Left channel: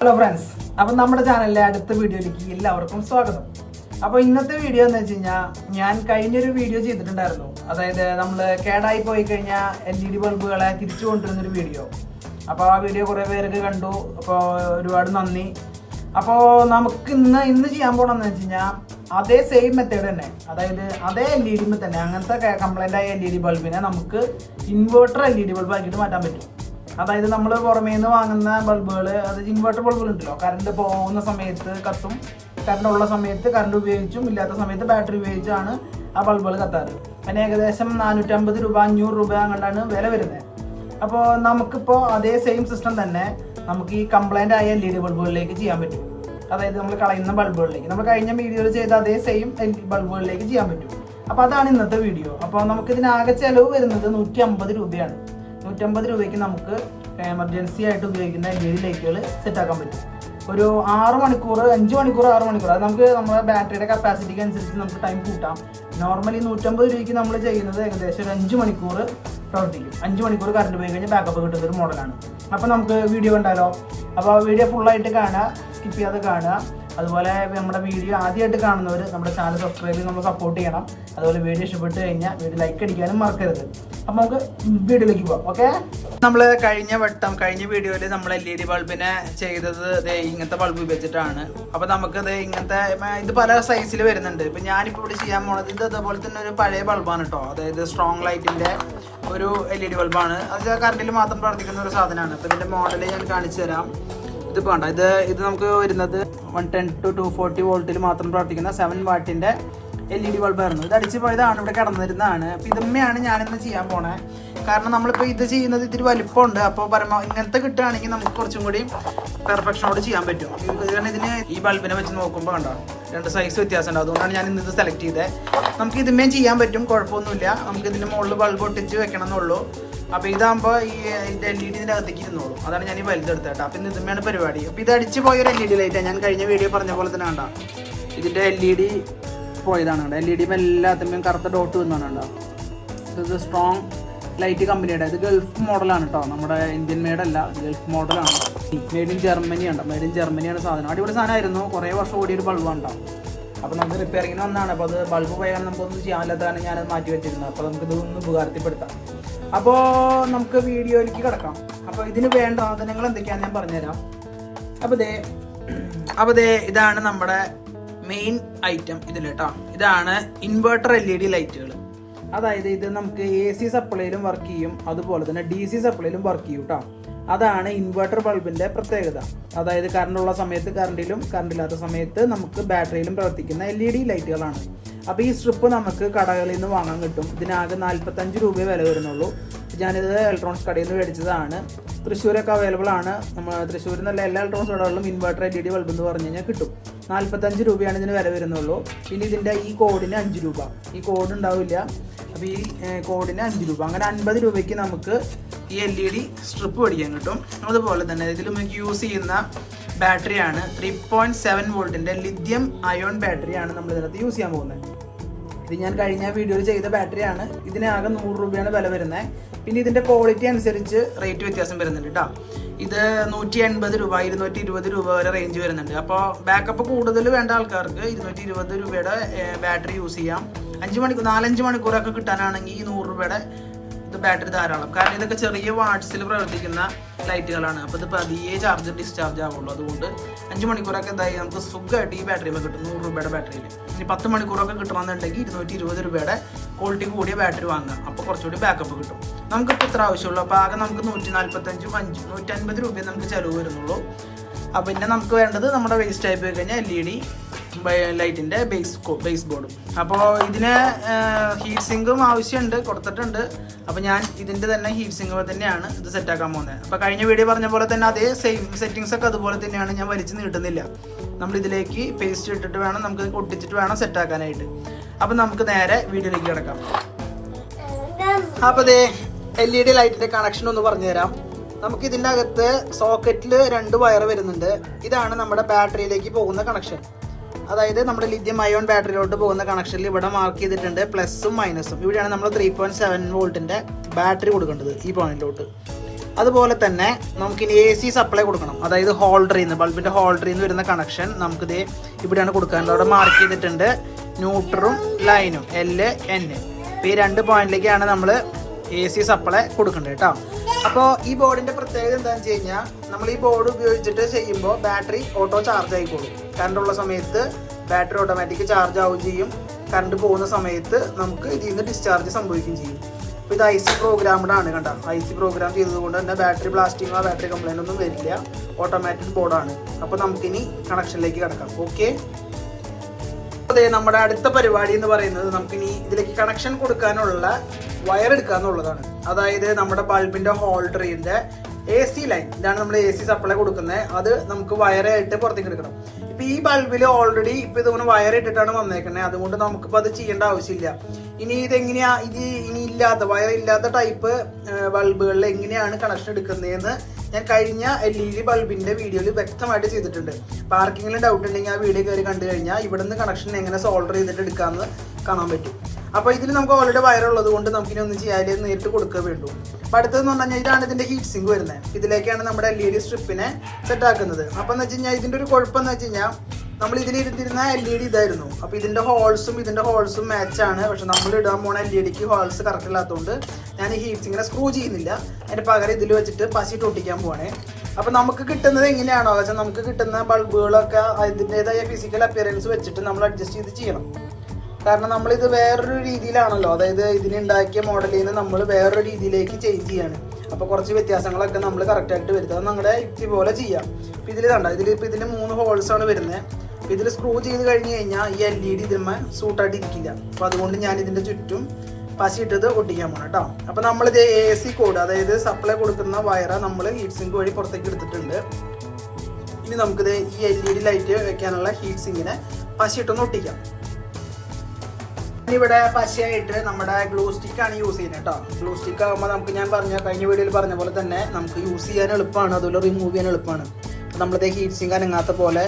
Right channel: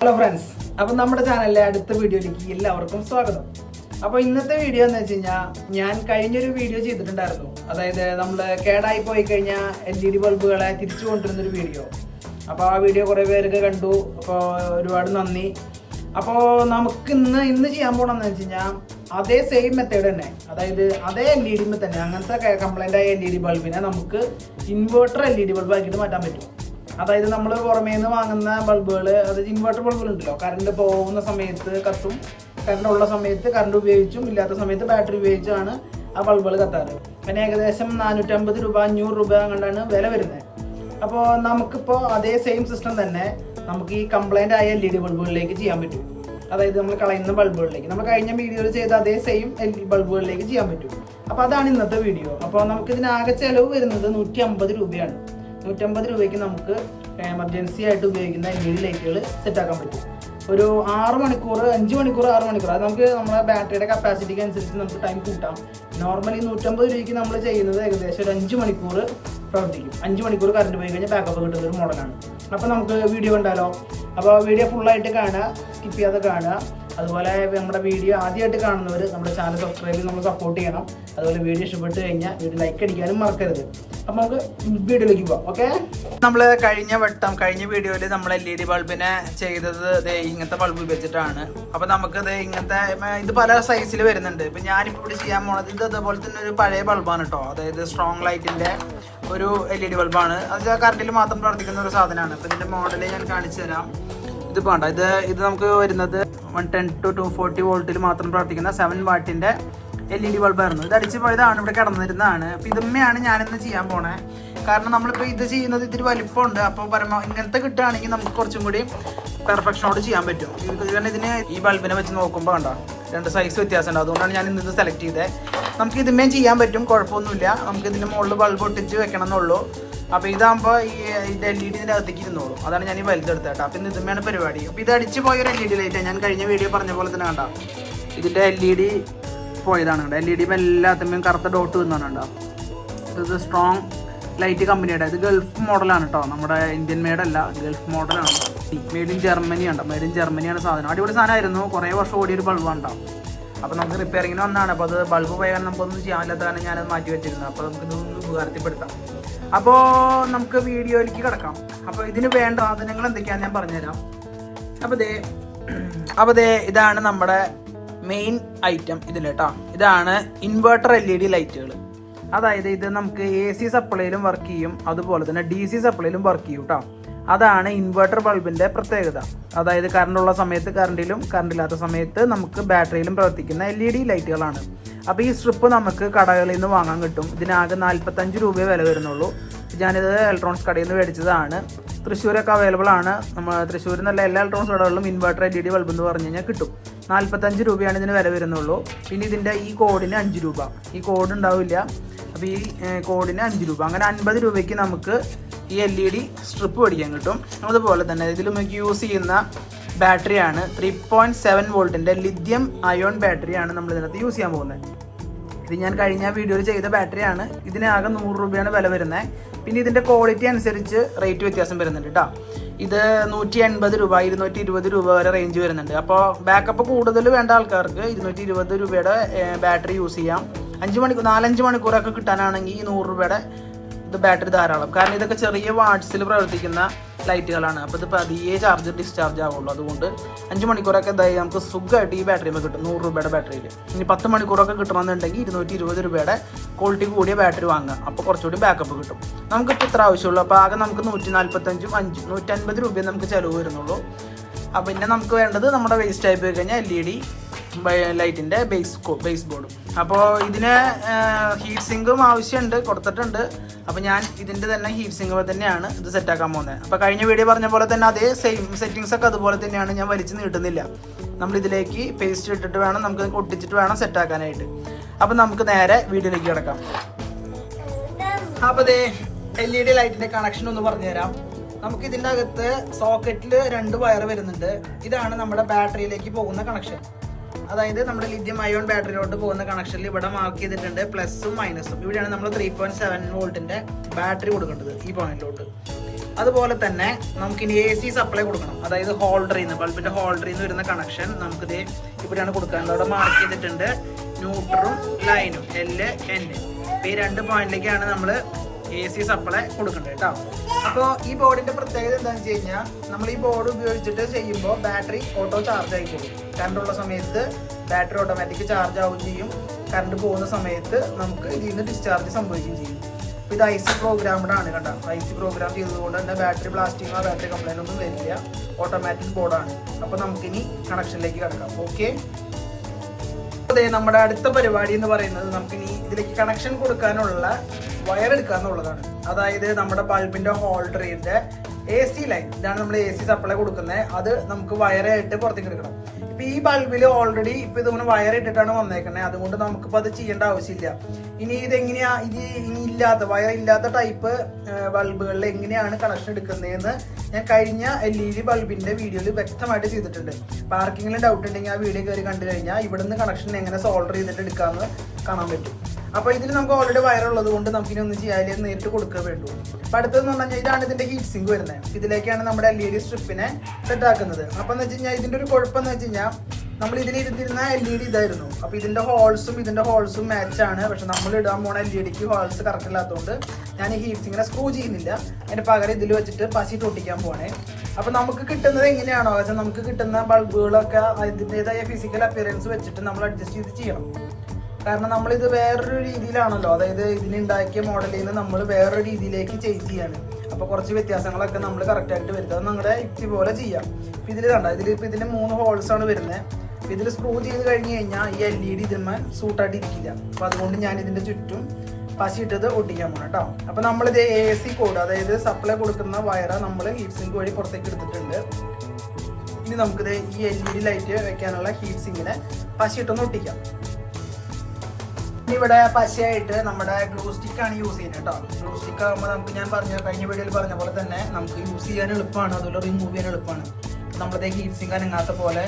Hello friends അപ്പം നമ്മുടെ ചാനലിലെ അടുത്ത വീഡിയോയിലേക്ക് എല്ലാവർക്കും സ്വാഗതം. അപ്പോൾ ഇന്നത്തെ വീഡിയോ എന്ന് വെച്ച് കഴിഞ്ഞാൽ ഞാൻ കഴിഞ്ഞൊരു വീഡിയോ ചെയ്തിട്ടുണ്ടായിരുന്നു. അതായത് നമ്മൾ കേടായി പോയി കഴിഞ്ഞാൽ എൽ ഇ ഡി ബൾബുകളെ തിരിച്ചു കൊണ്ടുവരുന്നൊരു വീഡിയോ. അപ്പോൾ ആ വീഡിയോ കുറേ പേർക്ക് കണ്ടു. അപ്പോൾ ഒരുപാട് നന്ദി. അപ്പോൾ നമുക്ക് ഇന്ന് ഇന്ന് ചെയ്യാൻ പോകണമെന്ന് വെച്ച് കഴിഞ്ഞാൽ അതേ സെയിം മെത്തേഡ് തന്നെ. അതായത് അതേ എൽ ഇ ഡി തന്നെ. അങ്ങനത്തെ കംപ്ലൈന്റ് ആയ എൽ ഇ ഡി ബൾബിനെ നമുക്ക് inverter L E D bulb ആക്കിയിട്ട് മാറ്റാൻ പറ്റും. അതായത് നമ്മൾ പുറമേ നിന്ന് വാങ്ങുന്ന ബൾബുകൾ അതായത് ഇൻവെർട്ടർ ബൾബുകൾ ഉണ്ടല്ലോ കറണ്ട് പോകുന്ന സമയത്ത് കത്തും കറണ്ട് ഉള്ള സമയത്ത് കറണ്ട് ഉപയോഗിച്ചും ഇല്ലാത്ത സമയത്ത് ബാറ്ററി ഉപയോഗിച്ചാണ് ആ ബൾബുകൾ കത്താറ്. പിന്നെ ഏകദേശം നാനൂറ്റമ്പത് രൂപ അഞ്ഞൂറ് രൂപ അങ്ങോട്ടാണ് വില വരുന്നത്. അപ്പോൾ നമുക്കിപ്പോൾ അതേ സെയിം സിസ്റ്റം തന്നെ നമുക്ക് ഈ കംപ്ലൈന്റ് ആയ എൽ ഇ ഡി ബൾബുകളിലേക്ക് ചെയ്യാൻ പറ്റും. അതായത് നമ്മൾ കളയുന്ന ബൾബുകളിലേക്ക്. നമ്മൾ കഴിഞ്ഞ വീഡിയോയിൽ ചെയ്ത അതേ സെയിം എൽ ഇ ബൾബുകളിലേക്ക് ചെയ്യാൻ പറ്റും. അപ്പോൾ അതാണ് ഇന്നത്തെ വീഡിയോ അപ്പോൾ നമുക്കിതിനാകെ ചിലവ് വരുന്നത് നൂറ്റി അമ്പത് രൂപയാണ്. നൂറ്റമ്പത് രൂപയ്ക്ക് നമുക്ക് എമർജൻസി ആയിട്ട് ഉപയോഗിക്കുന്ന എൽ ഇ ഡി ലൈറ്റുകൾ സെറ്റാക്കാൻ പറ്റും. ഒരു ആറ് മണിക്കൂർ അഞ്ച് മണിക്കൂർ ആറ് മണിക്കൂർ അത് നമുക്ക് നമ്മുടെ ബാറ്ററിയുടെ കപ്പാസിറ്റിക്ക് അനുസരിച്ച് നമുക്ക് ടൈം കൂട്ടാം. നോർമലി നൂറ്റമ്പത് രൂപയ്ക്ക് നമ്മൾ ചെയ്യുന്നത് ഏകദേശം ഒരു അഞ്ച് മണിക്കൂർ പ്രവർത്തിക്കും. അഞ്ച് മണിക്കൂർ കറണ്ട് പോയി കഴിഞ്ഞാൽ ബാക്കപ്പ് കിട്ടുന്ന ഒരു മോഡലാണ് അപ്പോൾ നമുക്ക് വീഡിയോ കണ്ടാലോ? അപ്പോൾ വീഡിയോ ഫുള്ളായിട്ട് കാണുക സ്കിപ്പ് ചെയ്യാതെ കാണുക. അതുപോലെ നമ്മുടെ വീഡിയോ ആദ്യമായിട്ട് കാണുന്നവർ നമ്മുടെ ചാനൽ സബ്സ്ക്രൈബ് ചെയ്ത് നമ്മൾ സപ്പോർട്ട് ചെയ്യണം. അതുപോലെ വീഡിയോ ഇഷ്ടപ്പെട്ട് കഴിഞ്ഞാൽ വീഡിയോ ലൈക്ക് അടിക്കാനും മറക്കരുത്. അപ്പം നമുക്ക് വീഡിയോയിലേക്ക് പോവാം ഓക്കെ നമ്മൾ കഴിഞ്ഞ വട്ടം കഴിഞ്ഞ വീഡിയോയിൽ നമ്മൾ എൽ ഇ ഡി ബൾബിനെ ചെയ്തത് ഇങ്ങനത്തെ ബൾബ് ഉപയോഗിച്ചിട്ടാണ്. നമുക്ക് ഇത് ഇങ്ങനത്തെ ഇത് പല സൈസിൽ വരുന്നുണ്ട്. ഇപ്പൊ ഞാനിപ്പോ ഇവിടെ ചെയ്യാൻ പോണത് ഇത് അതുപോലെ തന്നെ ഒരു പഴയ ബൾബാണ് കേട്ടോ അതായത് സ്ട്രോങ് ലൈറ്റിന്റെ ഒരു എൽ ഇ ഡി ബൾബാണ് അത് കറണ്ടിൽ മാത്രം പ്രവർത്തിക്കുന്ന ഒരു സാധനമാണ്. അപ്പം ഇതിന്റെ മോഡൽ ഞാൻ കാണിച്ചു തരാം. ഇത് വേണ്ട. ഇത് ഇത് നമുക്ക് വരുന്നത് one ten two two forty വോൾട്ടിൽ മാത്രം പ്രവർത്തിക്കുന്ന സെവൻ വാട്ടിന്റെ എൽ ഇ ഡി ബൾബായിരുന്നു ഇത് അടിച്ച് പോയതാണ് ഇവിടെ കിടന്നിരുന്നതാണ്. അപ്പൊ ഇതുമ്മയാണ് ഞാനിന്ന് ചെയ്യാൻ പോണേ. കാരണം നമ്മളിപ്പോൾ ഇത് ചെയ്യുന്നത് ഇത്തിരി വലിപ്പമുണ്ട്. അപ്പോൾ പറയുന്ന ഇങ്ങനത്തെ കിട്ടുകയാണെങ്കിൽ നമുക്ക് കുറച്ചും കൂടി പെർഫെക്ഷനോട് ചെയ്യാൻ പറ്റും. കാരണം ഇതിന് ഈ ബൾബിനെ വെച്ച് നോക്കുമ്പോൾ കണ്ടോ രണ്ട് സൈസ് വ്യത്യാസമുണ്ട് അതുകൊണ്ടാണ് ഞാൻ ഇന്ന് ഇത് സെലക്ട് ചെയ്തത് നമുക്ക് ഇതുമേം ചെയ്യാൻ പറ്റും കുഴപ്പമൊന്നുമില്ല. നമുക്ക് ഇതിന്റെ മുകളിൽ ബൾബ് ഒട്ടിച്ച് വെക്കണം എന്നുള്ളൂ അപ്പൊ ഇതാകുമ്പോൾ ഈ ഇത് എൽ ഇ ഡി അകത്തേക്ക് ഇരുന്നോളൂ. അതാണ് ഞാൻ ഈ വലുതെടുത്തത് കേട്ടോ. അപ്പൊ ഇതുമ്മയാണ് പരിപാടി? അപ്പൊ ഇത് അടിച്ച് പോയൊരു എൽ ഇ ഡി ലൈറ്റ് ഞാൻ കഴിഞ്ഞ വീഡിയോ പറഞ്ഞ പോലെ തന്നെ കണ്ട? ഇതിന്റെ എൽ ഇ ഡി പോയതാണ് കണ്ടോ? എൽ ഇ ഡി എല്ലാത്തുമ്മയും കറുത്ത ഡോട്ട് വന്നാണ് കണ്ടോ? ഇത് സ്ട്രോങ് ലൈറ്റ് കമ്പനിയുടെ ഇത് ഗൾഫ് മോഡലാണ് കേട്ടോ. നമ്മുടെ ഇന്ത്യൻ മെയ്ഡ് അല്ല. ഗൾഫ് മോഡലാണ് മെയ്ഡ് ഇൻ ജർമ്മനി ഉണ്ടോ മെയ്ഡ് ഇൻ ജർമ്മനിയാണ് സാധനം. അടിപൊളി സാധനമായിരുന്നു. കുറേ വർഷം ഓടിയൊരു ബൾബാണ് കേട്ടോ അപ്പോൾ നമുക്ക് റിപ്പയറിങ്ങിന് വന്നതാണ് അപ്പോൾ അത് ബൾബ് പോയാൽ നമുക്കൊന്നും ചെയ്യാൻ പറ്റാത്ത കാരണം ഞാനത് മാറ്റി വെച്ചിരുന്നു. അപ്പോൾ നമുക്ക് ഇതൊന്ന് ഉപകാരത്തിൽപ്പെടുത്താം. അപ്പോൾ നമുക്ക് വീഡിയോയിലേക്ക് കിടക്കാം. അപ്പോൾ ഇതിന് വേണ്ട സാധനങ്ങൾ എന്തൊക്കെയാണെന്ന് ഞാൻ പറഞ്ഞുതരാം. അപ്പോൾ ദേ അപ്പോൾ ദേ ഇതാണ് നമ്മുടെ മെയിൻ ഐറ്റം ഇതിൽ കേട്ടോ. ഇതാണ് ഇൻവേർട്ടർ എൽ ഇ ഡി ലൈറ്റുകൾ അതായത് ഇത് നമുക്ക് എ സി സപ്ലൈയിലും വർക്ക് ചെയ്യും. അതുപോലെ തന്നെ ഡി സി സപ്ലൈയിലും വർക്ക് ചെയ്യും കേട്ടോ. അതാണ് ഇൻവെർട്ടർ ബൾബിന്റെ പ്രത്യേകത. അതായത് കറണ്ട് ഉള്ള സമയത്ത് കറണ്ടിലും കറണ്ട് ഇല്ലാത്ത സമയത്ത് നമുക്ക് ബാറ്ററിയിലും പ്രവർത്തിക്കുന്ന എൽ ഇ ഡി ലൈറ്റുകളാണ് അപ്പോൾ ഈ സ്ട്രിപ്പ് നമുക്ക് കടകളിൽ നിന്ന് വാങ്ങാൻ കിട്ടും. ഇതിനാകെ നാൽപ്പത്തഞ്ച് രൂപയെ വില വരുന്നുള്ളൂ. ഞാനിത് ഇലക്ട്രോണിക്സ് കടയിൽ നിന്ന് മേടിച്ചതാണ്. തൃശ്ശൂരൊക്കെ അവൈലബിൾ ആണ്. നമ്മൾ തൃശ്ശൂരിൽ നിന്നുള്ള എല്ലാ ഇലക്ട്രോണിക്സ് കടകളിലും inverter L E D bulb എന്ന് പറഞ്ഞു കഴിഞ്ഞാൽ കിട്ടും. നാൽപ്പത്തഞ്ച് രൂപയാണ് ഇതിന് വില വരുന്നുള്ളൂ. പിന്നെ ഇതിന്റെ ഈ കോഡിന് അഞ്ച് രൂപ. ഈ കോഡ് ഉണ്ടാവില്ല. അപ്പോൾ ഈ കോഡിന് അഞ്ച് രൂപ. അങ്ങനെ അൻപത് രൂപയ്ക്ക് നമുക്ക് ഈ എൽ ഇ ഡി സ്ട്രിപ്പ് മേടിക്കാൻ കിട്ടും. അതുപോലെ തന്നെ ഇതിൽ നമുക്ക് യൂസ് ചെയ്യുന്ന ബാറ്ററിയാണ് ത്രീ പോയിന്റ് സെവൻ വോൾട്ടിന്റെ ലിഥിയം അയോൺ ബാറ്ററിയാണ് നമ്മൾ ഇതിനകത്ത് യൂസ് ചെയ്യാൻ പോകുന്നത്. ഇത് ഞാൻ കഴിഞ്ഞ വീഡിയോയിൽ ചെയ്ത ബാറ്ററിയാണ് ഇതിനാകെ നൂറ് രൂപയാണ് വില വരുന്നത്. പിന്നെ ഇതിന്റെ ക്വാളിറ്റി അനുസരിച്ച് റേറ്റ് വ്യത്യാസം വരുന്നുണ്ട് കേട്ടോ ഇത് നൂറ്റി എൺപത് രൂപ ഇരുന്നൂറ്റി ഇരുപത് രൂപ വരെ റേഞ്ച് വരുന്നുണ്ട്. അപ്പോൾ ബാക്കപ്പ് കൂടുതൽ വേണ്ട ആൾക്കാർക്ക് ഇരുന്നൂറ്റി ഇരുപത് രൂപയുടെ ബാറ്ററി യൂസ് ചെയ്യാം. അഞ്ച് മണിക്കൂർ നാലഞ്ച് മണിക്കൂറൊക്കെ കിട്ടാനാണെങ്കിൽ ഈ നൂറ് രൂപയുടെ ഇത് ബാറ്ററി ധാരാളം. കാരണം ഇതൊക്കെ ചെറിയ വാട്സിൽ പ്രവർത്തിക്കുന്ന ലൈറ്റുകളാണ്. അപ്പോൾ ഇത് പതിയെ ചാർജ് ഡിസ്ചാർജ് ആവുള്ളൂ. അതുകൊണ്ട് അഞ്ച് മണിക്കൂറൊക്കെ എന്തായി? നമുക്ക് സുഖമായിട്ട് ഈ ബാറ്ററിയിൽ കിട്ടും. നൂറ് രൂപയുടെ ബാറ്ററിയിൽ ഇനി പത്ത് മണിക്കൂറൊക്കെ കിട്ടണമെന്നുണ്ടെങ്കിൽ ഇരുന്നൂറ്റി ഇരുപത് രൂപയുടെ ക്വാളിറ്റി കൂടിയ ബാറ്ററി വാങ്ങുക. അപ്പോൾ കുറച്ചുകൂടി ബാക്കപ്പ് കിട്ടും. നമുക്കിപ്പോൾ ഇത്ര ആവശ്യമുള്ളൂ. അപ്പോൾ ആകെ നമുക്ക് നൂറ്റി നാൽപ്പത്തഞ്ചും അഞ്ചും നൂറ്റൻപത് രൂപയും നമുക്ക് ചിലവ് വരുന്നുള്ളൂ. പിന്നെ നമുക്ക് വേണ്ടത് നമ്മുടെ വേസ്റ്റ് ആയി പോയി കഴിഞ്ഞാൽ എൽ ഇ ഡി ലൈറ്റിന്റെ ബേസ് ബേസ് ബോർഡും അപ്പോൾ ഇതിന് ഹീറ്റ് സിങ്കും ആവശ്യമുണ്ട് കൊടുത്തിട്ടുണ്ട്. അപ്പോൾ ഞാൻ ഇതിന്റെ തന്നെ ഹീറ്റ് സിങ്ക് തന്നെയാണ് ഇത് സെറ്റാക്കാൻ പോകുന്നത്. അപ്പോൾ കഴിഞ്ഞ വീഡിയോ പറഞ്ഞ പോലെ തന്നെ അതേ സെയിം സെറ്റിങ്സ് ഒക്കെ അതുപോലെ തന്നെയാണ് ഞാൻ വലിച്ചു നീട്ടുന്നില്ല. നമ്മൾ ഇതിലേക്ക് പേസ്റ്റ് ഇട്ടിട്ട് വേണം നമുക്ക് ഒട്ടിച്ചിട്ട് വേണം സെറ്റാക്കാനായിട്ട് അപ്പോൾ നമുക്ക് നേരെ വീഡിയോയിലേക്ക് കിടക്കാം. അപ്പോൾ ദേ എൽ ഇ ഡി ലൈറ്റിന്റെ കണക്ഷൻ ഒന്ന് പറഞ്ഞുതരാം. നമുക്ക് ഇതിന്റെ അകത്ത് സോക്കറ്റിൽ രണ്ട് വയർ വരുന്നുണ്ട്. ഇതാണ് നമ്മുടെ ബാറ്ററിയിലേക്ക് പോകുന്ന കണക്ഷൻ അതായത് നമ്മുടെ ലിഥിയം അയോൺ ബാറ്ററിയിലോട്ട് പോകുന്ന കണക്ഷനിൽ ഇവിടെ മാർക്ക് ചെയ്തിട്ടുണ്ട് പ്ലസും മൈനസും ഇവിടെയാണ് നമ്മൾ ത്രീ പോയിന്റ് സെവൻ വോൾട്ടിന്റെ ബാറ്ററി കൊടുക്കേണ്ടത് ഈ പോയിന്റിലോട്ട് അതുപോലെ തന്നെ നമുക്ക് ഇനി എ സി സപ്ലൈ കൊടുക്കണം. അതായത് ഹോൾഡറിൽ നിന്ന് ബൾബിന്റെ ഹോൾഡറിൽ നിന്ന് വരുന്ന കണക്ഷൻ നമുക്ക് ഇത് ഇവിടെയാണ് കൊടുക്കാൻ ഇവിടെ മാർക്ക് ചെയ്തിട്ടുണ്ട് ന്യൂട്രും ലൈനും എൽ എൻ ഈ രണ്ട് പോയിന്റിലേക്കാണ് നമ്മൾ എ സി സപ്ലൈ കൊടുക്കുന്നുണ്ട് കേട്ടോ അപ്പോൾ ഈ ബോർഡിന്റെ പ്രത്യേകത എന്താണെന്ന് വെച്ച് കഴിഞ്ഞാൽ നമ്മൾ ഈ ബോർഡ് ഉപയോഗിച്ചിട്ട് ചെയ്യുമ്പോൾ ബാറ്ററി ഓട്ടോ ചാർജ് ആയിക്കോളും. കറണ്ട് ഉള്ള സമയത്ത് ബാറ്ററി ഓട്ടോമാറ്റിക് ചാർജ് ആവുകയും ചെയ്യും. കറണ്ട് പോകുന്ന സമയത്ത് നമുക്ക് ഇതിൽ നിന്ന് ഡിസ്ചാർജ് സംഭവിക്കുകയും ചെയ്യും. അപ്പോൾ ഇത് ഐ സി പ്രോഗ്രാംഡ് ആണ് കണ്ട. ഐ സി പ്രോഗ്രാം ചെയ്തതുകൊണ്ട് തന്നെ ബാറ്ററി ബ്ലാസ്റ്റിങ്ങോ ബാറ്ററി കംപ്ലൈന്റ് ഒന്നും വരില്ല. ഓട്ടോമാറ്റിക് ബോർഡാണ് അപ്പോൾ നമുക്കിനി കണക്ഷനിലേക്ക് കിടക്കാം. ഓക്കെ അതെ നമ്മുടെ അടുത്ത പരിപാടി എന്ന് പറയുന്നത് നമുക്ക് ഇനി ഇതിലേക്ക് കണക്ഷൻ കൊടുക്കാനുള്ള വയർ എടുക്കുക എന്നുള്ളതാണ്. അതായത് നമ്മുടെ ബൾബിന്റെ ഹോൾഡറിന്റെ എ സി ലൈൻ ഇതാണ് നമ്മൾ എ സി സപ്ലൈ കൊടുക്കുന്നത് അത് നമുക്ക് വയറായിട്ട് പുറത്തേക്ക് എടുക്കണം. ഇപ്പൊ ഈ ബൾബിൽ ഓൾറെഡി ഇപ്പൊ ഇതിങ്ങനെ വയർ ഇട്ടിട്ടാണ് വന്നേക്കുന്നത് അതുകൊണ്ട് നമുക്കിപ്പോൾ അത് ചെയ്യേണ്ട ആവശ്യമില്ല. ഇനി ഇതെങ്ങനെയാ? ഇത് ഇനി ഇല്ലാത്ത വയർ ഇല്ലാത്ത ടൈപ്പ് ബൾബുകളിൽ എങ്ങനെയാണ് കണക്ഷൻ എടുക്കുന്നതെന്ന് ഞാൻ കഴിഞ്ഞ എൽ ഇ ഡി ബൾബിന്റെ വീഡിയോയിൽ വ്യക്തമായിട്ട് ചെയ്തിട്ടുണ്ട്. പാർക്കിങ്ങിൽ ഡൗട്ട് ഉണ്ടെങ്കിൽ ആ വീഡിയോ കയറി കണ്ടു കഴിഞ്ഞാൽ ഇവിടുന്ന് കണക്ഷൻ എങ്ങനെ സോൾഡർ ചെയ്തിട്ട് എടുക്കാമെന്ന് കാണാൻ പറ്റും. അപ്പൊ ഇതിൽ നമുക്ക് ഓൾറെഡി വയറുള്ളത് കൊണ്ട് നമുക്ക് ഇനി ഒന്നും ചെയ്യാതെ നേരിട്ട് കൊടുക്കുക വേണ്ടു. അപ്പൊ അടുത്തതെന്ന് പറഞ്ഞു കഴിഞ്ഞാൽ ഇതാണ് ഇതിന്റെ ഹീറ്റ് സിങ്ക് വരുന്നത്. ഇതിലേക്കാണ് നമ്മുടെ എൽ ഇ ഡി സ്ട്രിപ്പിനെ സെറ്റ് ആക്കുന്നത്. അപ്പൊ എന്ന് വെച്ച് കഴിഞ്ഞാൽ ഇതിന്റെ ഒരു കുഴപ്പം എന്ന് വെച്ച് കഴിഞ്ഞാൽ നമ്മൾ ഇതിൽ ഇരുന്നിരുന്ന എൽ ഇ ഡി ഇതായിരുന്നു. അപ്പൊ ഇതിന്റെ ഹോൾസും ഇതിന്റെ ഹോൾസും മാച്ച് ആണ്. പക്ഷെ നമ്മൾ ഇടാൻ പോണ എൽ ഇ ഡിക്ക് ഹോൾസ് കറക്റ്റ് ഇല്ലാത്തതുകൊണ്ട് ഞാൻ ഈ ഹീറ്റ് സിങ്ങിനെ സ്ക്രൂ ചെയ്യുന്നില്ല. അതിന്റെ പകരം ഇതിൽ വെച്ചിട്ട് പശിട്ട് ഒട്ടിക്കാൻ പോവാണേ. അപ്പൊ നമുക്ക് കിട്ടുന്നത് എങ്ങനെയാണോ? വെച്ചാൽ നമുക്ക് കിട്ടുന്ന ബൾബുകളൊക്കെ അതിന്റെതായ ഫിസിക്കൽ അപ്പിയറൻസ് വെച്ചിട്ട് നമ്മൾ അഡ്ജസ്റ്റ് ചെയ്ത് ചെയ്യണം. കാരണം നമ്മളിത് വേറൊരു രീതിയിലാണല്ലോ. അതായത് ഇതിനുണ്ടാക്കിയ മോഡലിൽ നിന്ന് നമ്മൾ വേറൊരു രീതിയിലേക്ക് ചേഞ്ച് ചെയ്യാണ്. അപ്പൊ കുറച്ച് വ്യത്യാസങ്ങളൊക്കെ നമ്മൾ കറക്റ്റ് ആയിട്ട് വരുത്തുക നമ്മുടെ പോലെ ചെയ്യാം. ഇപ്പൊ ഇതിൽ കണ്ട? ഇതിൽ ഇപ്പൊ ഇതിന് മൂന്ന് ഹോൾസ് ആണ് വരുന്നത് ഇതിൽ സ്ക്രൂ ചെയ്ത് കഴിഞ്ഞ് കഴിഞ്ഞാൽ ഈ എൽ ഇ ഡി ഇതിന്മേ സൂട്ടായിട്ട് ഇരിക്കില്ല. അപ്പൊ അതുകൊണ്ട് ഞാൻ ഇതിന്റെ ചുറ്റും പശിയിട്ടത് ഒട്ടിക്കാൻ പോകണം കേട്ടോ അപ്പൊ നമ്മളിത് എ സി കോഡ് അതായത് സപ്ലൈ കൊടുക്കുന്ന വയറ നമ്മൾ ഹീറ്റ് സിങ്ക് വഴി പുറത്തേക്ക് എടുത്തിട്ടുണ്ട്. ഇനി നമുക്കിത് ഈ എൽ ഇ ഡി ലൈറ്റ് വെക്കാനുള്ള ഹീറ്റ് സിങ്കിനെ പശിയിട്ടൊന്ന് ഒട്ടിക്കാം. ഇവിടെ പശയായിട്ട് നമ്മുടെ ഗ്ലൂ സ്റ്റിക്ക് ആണ് യൂസ് ചെയ്യുന്നത് കേട്ടോ ഗ്ലൂ സ്റ്റിക്ക് ആകുമ്പോൾ നമുക്ക് ഞാൻ പറഞ്ഞ കഴിഞ്ഞ വീഡിയോയിൽ പറഞ്ഞ പോലെ തന്നെ നമുക്ക് യൂസ് ചെയ്യാൻ എളുപ്പമാണ്. അതുപോലെ റിമൂവ് ചെയ്യാൻ എളുപ്പമാണ്. നമ്മളത് ഹീറ്റ് സിങ്ക് അനങ്ങാത്ത പോലെ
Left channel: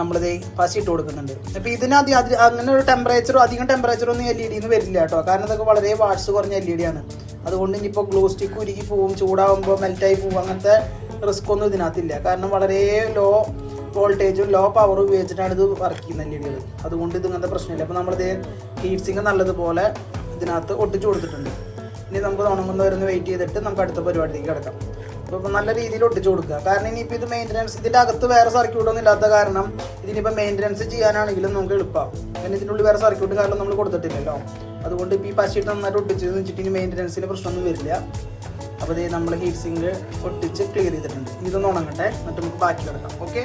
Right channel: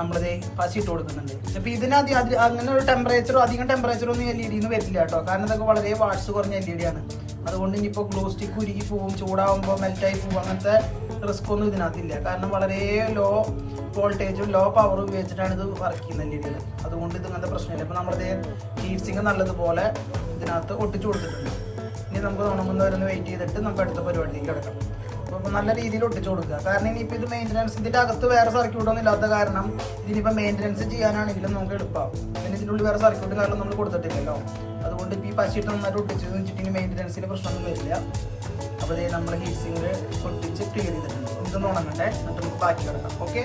നമ്മളിത് പശിട്ട് കൊടുക്കുന്നുണ്ട്. അപ്പൊ ഇതിന് അങ്ങനെ ഒരു ടെമ്പറേച്ചറോ അധികം ടെമ്പറേച്ചറോ ഒന്നും എൽ ഇ ഡിന്ന് വരില്ല കേട്ടോ. കാരണം ഇതൊക്കെ വളരെ വാട്സ് കുറഞ്ഞ എൽ ഇ ഡി ആണ്. അതുകൊണ്ട് ഇനിയിപ്പോൾ ഗ്ലൂ സ്റ്റിക്ക് ഉരുകി പോവും ചൂടാവുമ്പോൾ മെൽറ്റായി പോവും അങ്ങനത്തെ റിസ്ക് ഒന്നും ഇതിനകത്തില്ല. കാരണം വളരെ ലോ വോൾട്ടേജും ലോ പവറും ഉപയോഗിച്ചിട്ടാണ് ഇത് വർക്ക് ചെയ്യുന്നത് എൽ ഇ ഡികൾ അതുകൊണ്ട് ഇത് ഇങ്ങനത്തെ പ്രശ്നമില്ല. അപ്പോൾ നമ്മളിത് ഹീറ്റ് സിങ്ക് നല്ലതുപോലെ ഇതിനകത്ത് ഒട്ടിച്ചു കൊടുത്തിട്ടുണ്ട്. ഇനി നമുക്ക് തോന്നുന്നവരൊന്ന് വെയിറ്റ് ചെയ്തിട്ട് നമുക്ക് അടുത്ത പരിപാടിയിലേക്ക് കിടക്കാം. നല്ല രീതിയിൽ ഒട്ടിച്ചു കൊടുക്കുക. കാരണം ഇനിയിപ്പോൾ ഇത് മെയിന്റനൻസ് ഇതിന്റെ അകത്ത് വേറെ സർക്യൂട്ടൊന്നും ഇല്ലാത്ത കാരണം ഇതിനിപ്പോൾ മെയിന്റനൻസ് ചെയ്യാനാണെങ്കിലും നമുക്ക് എളുപ്പം. പിന്നെ ഇതിന്റെ ഉള്ളിൽ വേറെ സർക്യൂട്ട് കാരണം നമ്മൾ കൊടുത്തിട്ടില്ലല്ലോ. അതുകൊണ്ട് ഇപ്പോൾ ഈ പശിട്ട് നന്നായിട്ട് ഒട്ടിച്ച് വെച്ചിട്ട് ഇനി മെയിന്റനൻസിന് പ്രശ്നമൊന്നും വരില്ല. അപ്പോൾ ഇത് നമ്മൾ ഹീറ്റ് സിങ്ക് ഒട്ടിച്ച് ക്ലിയർ ചെയ്തിട്ടുണ്ട്. ഇതൊന്ന് ഉണങ്ങട്ടെ. എന്നിട്ട് നമുക്ക് ബാക്കി കിടക്കാം. ഓക്കെ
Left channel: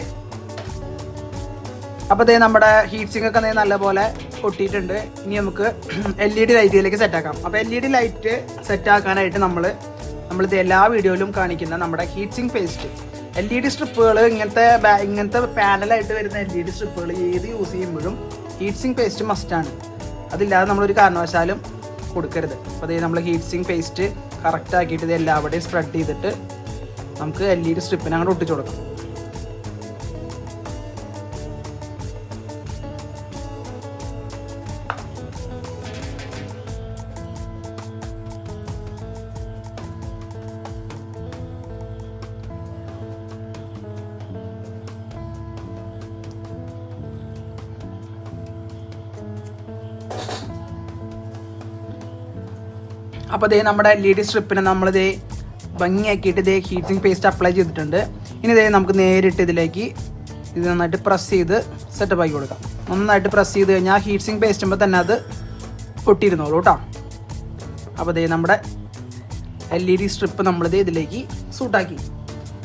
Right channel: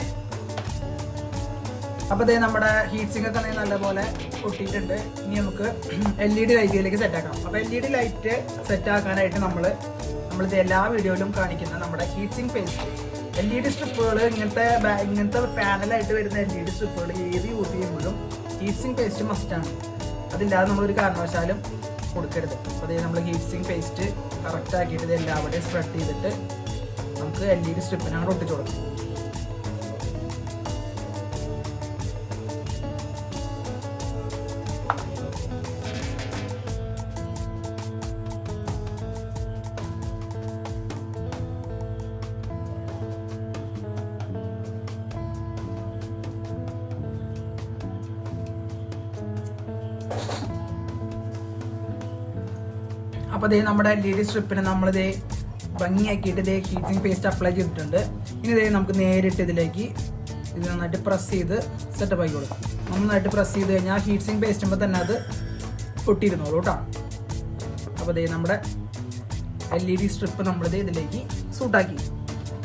അപ്പോൾ ഇതേ നമ്മുടെ ഹീറ്റ് സിങ്ക് ഒക്കെ നല്ലപോലെ ഒട്ടിയിട്ടുണ്ട്. ഇനി നമുക്ക് എൽ ഇ ഡി ലൈറ്റിലേക്ക് സെറ്റ് ആക്കാം. അപ്പോൾ L E D light set ആക്കാനായിട്ട് നമ്മൾ നമ്മളിത് എല്ലാ വീഡിയോയിലും കാണിക്കുന്ന നമ്മുടെ heating paste L E D സ്ട്രിപ്പുകൾ ഇങ്ങനത്തെ ഇങ്ങനത്തെ പാനലായിട്ട് വരുന്ന എൽ ഇ ഡി സ്ട്രിപ്പുകൾ ഏത് യൂസ് ചെയ്യുമ്പോഴും ഹീറ്റ് പേസ്റ്റ് മസ്റ്റാണ് അതില്ലാതെ നമ്മളൊരു കാരണവശാലും കൊടുക്കരുത്. അപ്പോൾ അതേ നമ്മൾ ഹീറ്റ് സിങ്ക് പേസ്റ്റ് കറക്റ്റ് ആക്കിയിട്ട് ഇത് എല്ലാവിടെയും സ്പ്രെഡ് ചെയ്തിട്ട് നമുക്ക് എൽ ഇ ഡി സ്ട്രിപ്പിനെ അങ്ങോട്ട് ഒട്ടിച്ചു കൊടുക്കാം. അപ്പോൾ ഇതേ നമ്മുടെ എൽ ഇ ഡി സ്ട്രിപ്പിനെ നമ്മളിതേ ഭംഗിയാക്കിയിട്ട് ഇതേ ഹീറ്റിംഗ് പേസ്റ്റ് അപ്ലൈ ചെയ്തിട്ടുണ്ട്. ഇനി ഇതേ നമുക്ക് നേരിട്ട് ഇതിലേക്ക് ഇത് നന്നായിട്ട് പ്രസ് ചെയ്ത് സെറ്റപ്പ് ആക്കി കൊടുക്കാം. നന്നായിട്ട് പ്രസ് ചെയ്ത് കഴിഞ്ഞാൽ ഹീറ്റിംഗ് പേസ്റ്റുമ്പോൾ തന്നെ അത് ഒട്ടിയിരുന്നോളൂ കേട്ടോ അപ്പോൾ ഇതേ നമ്മുടെ എൽ ഇ ഡി സ്ട്രിപ്പ് നമ്മളിത് ഇതിലേക്ക് സൂട്ടാക്കി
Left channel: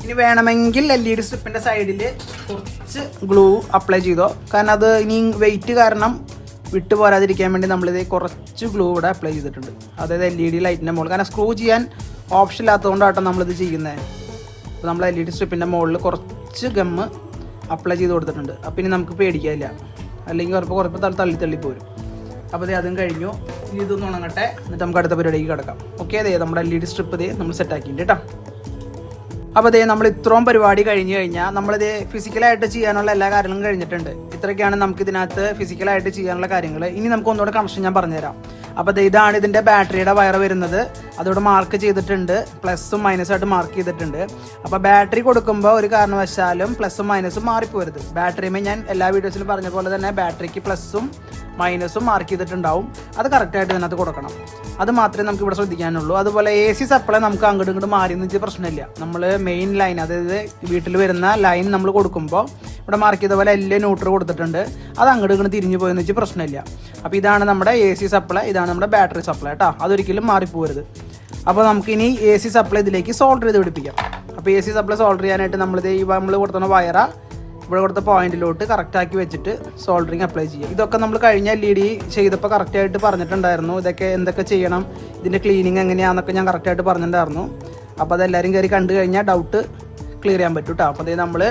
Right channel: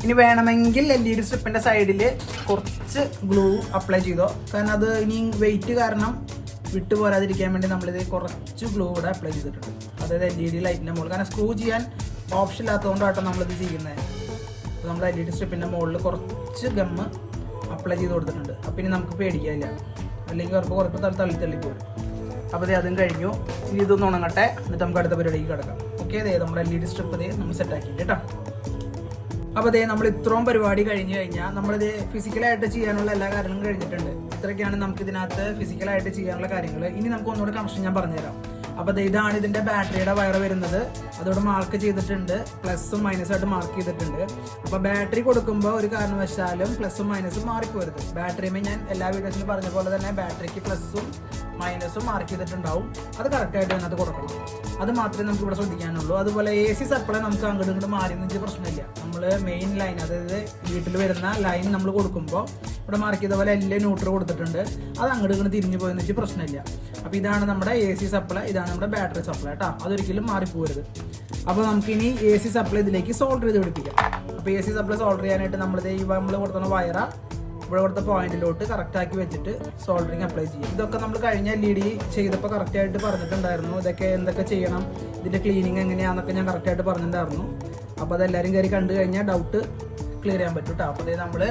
ഇനി വേണമെങ്കിൽ എൽ ഇ ഡി സ്ട്രിപ്പിന്റെ സൈഡിൽ കുറച്ച് ഗ്ലൂ അപ്ലൈ ചെയ്തോ. കാരണം അത് ഇനി വെയിറ്റ് കാരണം വിട്ടു പോരാതിരിക്കാൻ വേണ്ടി നമ്മളിത് കുറച്ച് ഗ്ലൂ ഇവിടെ അപ്ലൈ ചെയ്തിട്ടുണ്ട്. അതായത് എൽ ഇ ഡി ലൈറ്റിന്റെ മുകളിൽ കാരണം സ്ക്രൂ ചെയ്യാൻ ഓപ്ഷൻ ഇല്ലാത്തതുകൊണ്ടാട്ടോ നമ്മളിത് ചെയ്യുന്നത് അപ്പോൾ നമ്മൾ എൽ ഇ ഡി സ്ട്രിപ്പിന്റെ മുകളിൽ കുറച്ച് ഗമ്മ് അപ്ലൈ ചെയ്ത് കൊടുത്തിട്ടുണ്ട്. അപ്പം ഇനി നമുക്ക് പേടിക്കാനില്ല. അല്ലെങ്കിൽ ഉറപ്പ് കുറപ്പ് തള്ളി തള്ളി പോരും. അപ്പോൾ ദേ അതും കഴിഞ്ഞു. ഇനി ഇതൊന്ന് ഉണങ്ങട്ടെ. എന്നിട്ട് നമുക്ക് അടുത്ത പരിപാടിക്ക് കിടക്കാം. ഓക്കെ അതെ നമ്മുടെ എൽ ഇ ഡി സ്ട്രിപ്പ് ഇത് നമ്മൾ സെറ്റ് ആക്കിയിട്ടുണ്ട് കേട്ടോ അപ്പോൾ അതേ നമ്മൾ ഇത്രയും പരിപാടി കഴിഞ്ഞു കഴിഞ്ഞാൽ നമ്മളിത് ഫിസിക്കലായിട്ട് ചെയ്യാനുള്ള എല്ലാ കാര്യങ്ങളും കഴിഞ്ഞിട്ടുണ്ട്. ഇത്രയൊക്കെയാണ് നമുക്ക് ഇതിനകത്ത് ഫിസിക്കലായിട്ട് ചെയ്യാനുള്ള കാര്യങ്ങൾ ഇനി നമുക്ക് ഒന്നുകൂടെ കണക്ഷൻ ഞാൻ പറഞ്ഞുതരാം. അപ്പോൾ ഇതാണ് ഇതിന്റെ ബാറ്ററിയുടെ വയർ വരുന്നത്. അതോടെ മാർക്ക് ചെയ്തിട്ടുണ്ട്. പ്ലസും മൈനസും ആയിട്ട് മാർക്ക് ചെയ്തിട്ടുണ്ട്. അപ്പോൾ ബാറ്ററി കൊടുക്കുമ്പോൾ ഒരു കാരണവശാലും പ്ലസും മൈനസും മാറിപ്പോരുത് ബാറ്ററിയുമേ ഞാൻ എല്ലാ വീഡിയോസിലും പറഞ്ഞ പോലെ തന്നെ ബാറ്ററിക്ക് പ്ലസും മൈനസും മാർക്ക് ചെയ്തിട്ടുണ്ടാവും. അത് കറക്റ്റായിട്ട് ഇതിനകത്ത് കൊടുക്കണം. അത് മാത്രമേ നമുക്ക് ഇവിടെ ശ്രദ്ധിക്കാനുള്ളൂ. അതുപോലെ എ സി സപ്ലൈ നമുക്ക് അങ്ങോട്ടും ഇങ്ങോട്ട് മാറി എന്നിട്ട് പ്രശ്നമില്ല. നമ്മൾ മെയിൻ ലൈൻ അതായത് വീട്ടിൽ വരുന്ന ലൈൻ നമ്മൾ കൊടുക്കുമ്പോൾ ഇവിടെ മാർക്ക് ചെയ്ത പോലെ എല്ലാം ന്യൂട്രൽ കൊടുത്തിട്ടുണ്ട്. അത് അങ്ങോട്ട് ഇങ്ങോട്ട് തിരിഞ്ഞു പോയെന്ന് വെച്ച് പ്രശ്നമില്ല. അപ്പോൾ ഇതാണ് നമ്മുടെ എ സി സപ്ലൈ ഇതാണ് നമ്മുടെ ബാറ്ററി സപ്ലൈ കേട്ടോ അതൊരിക്കലും മാറിപ്പോരുത് അപ്പോൾ നമുക്കിനി എ സി സപ്ലൈ ഇതിലേക്ക് സോൾഡർ ചെയ്ത് പിടിപ്പിക്കാം. അപ്പോൾ എ സി സപ്ലൈ സോൾഡർ ചെയ്യാനായിട്ട് നമ്മളിത് ഈ നമ്മൾ കൊടുത്തുന്ന വയറ ഇവിടെ കൊടുത്ത പോയിന്റിലോട്ട് കറക്റ്റാക്കി വെച്ചിട്ട് സോൾഡറിങ് അപ്ലൈ ചെയ്യുക ഇതൊക്കെ നമ്മൾ കഴിഞ്ഞ എൽ ഇ ഡി ചെയ്തപ്പോൾ കറക്റ്റായിട്ട് പറഞ്ഞിട്ടുണ്ടായിരുന്നു. ഇതൊക്കെ എന്തൊക്കെ ചെയ്യണം ഇതിന്റെ ക്ലീനിങ് എങ്ങനെയാണെന്നൊക്കെ ഞാൻ കറക്റ്റായിട്ട് പറഞ്ഞിട്ടുണ്ടായിരുന്നു. അപ്പോൾ അതെല്ലാവരും കയറി കണ്ടു കഴിഞ്ഞാൽ ഡൗട്ട് ക്ലിയർ ചെയ്യാൻ പറ്റും കേട്ടോ അപ്പോൾ നമ്മൾ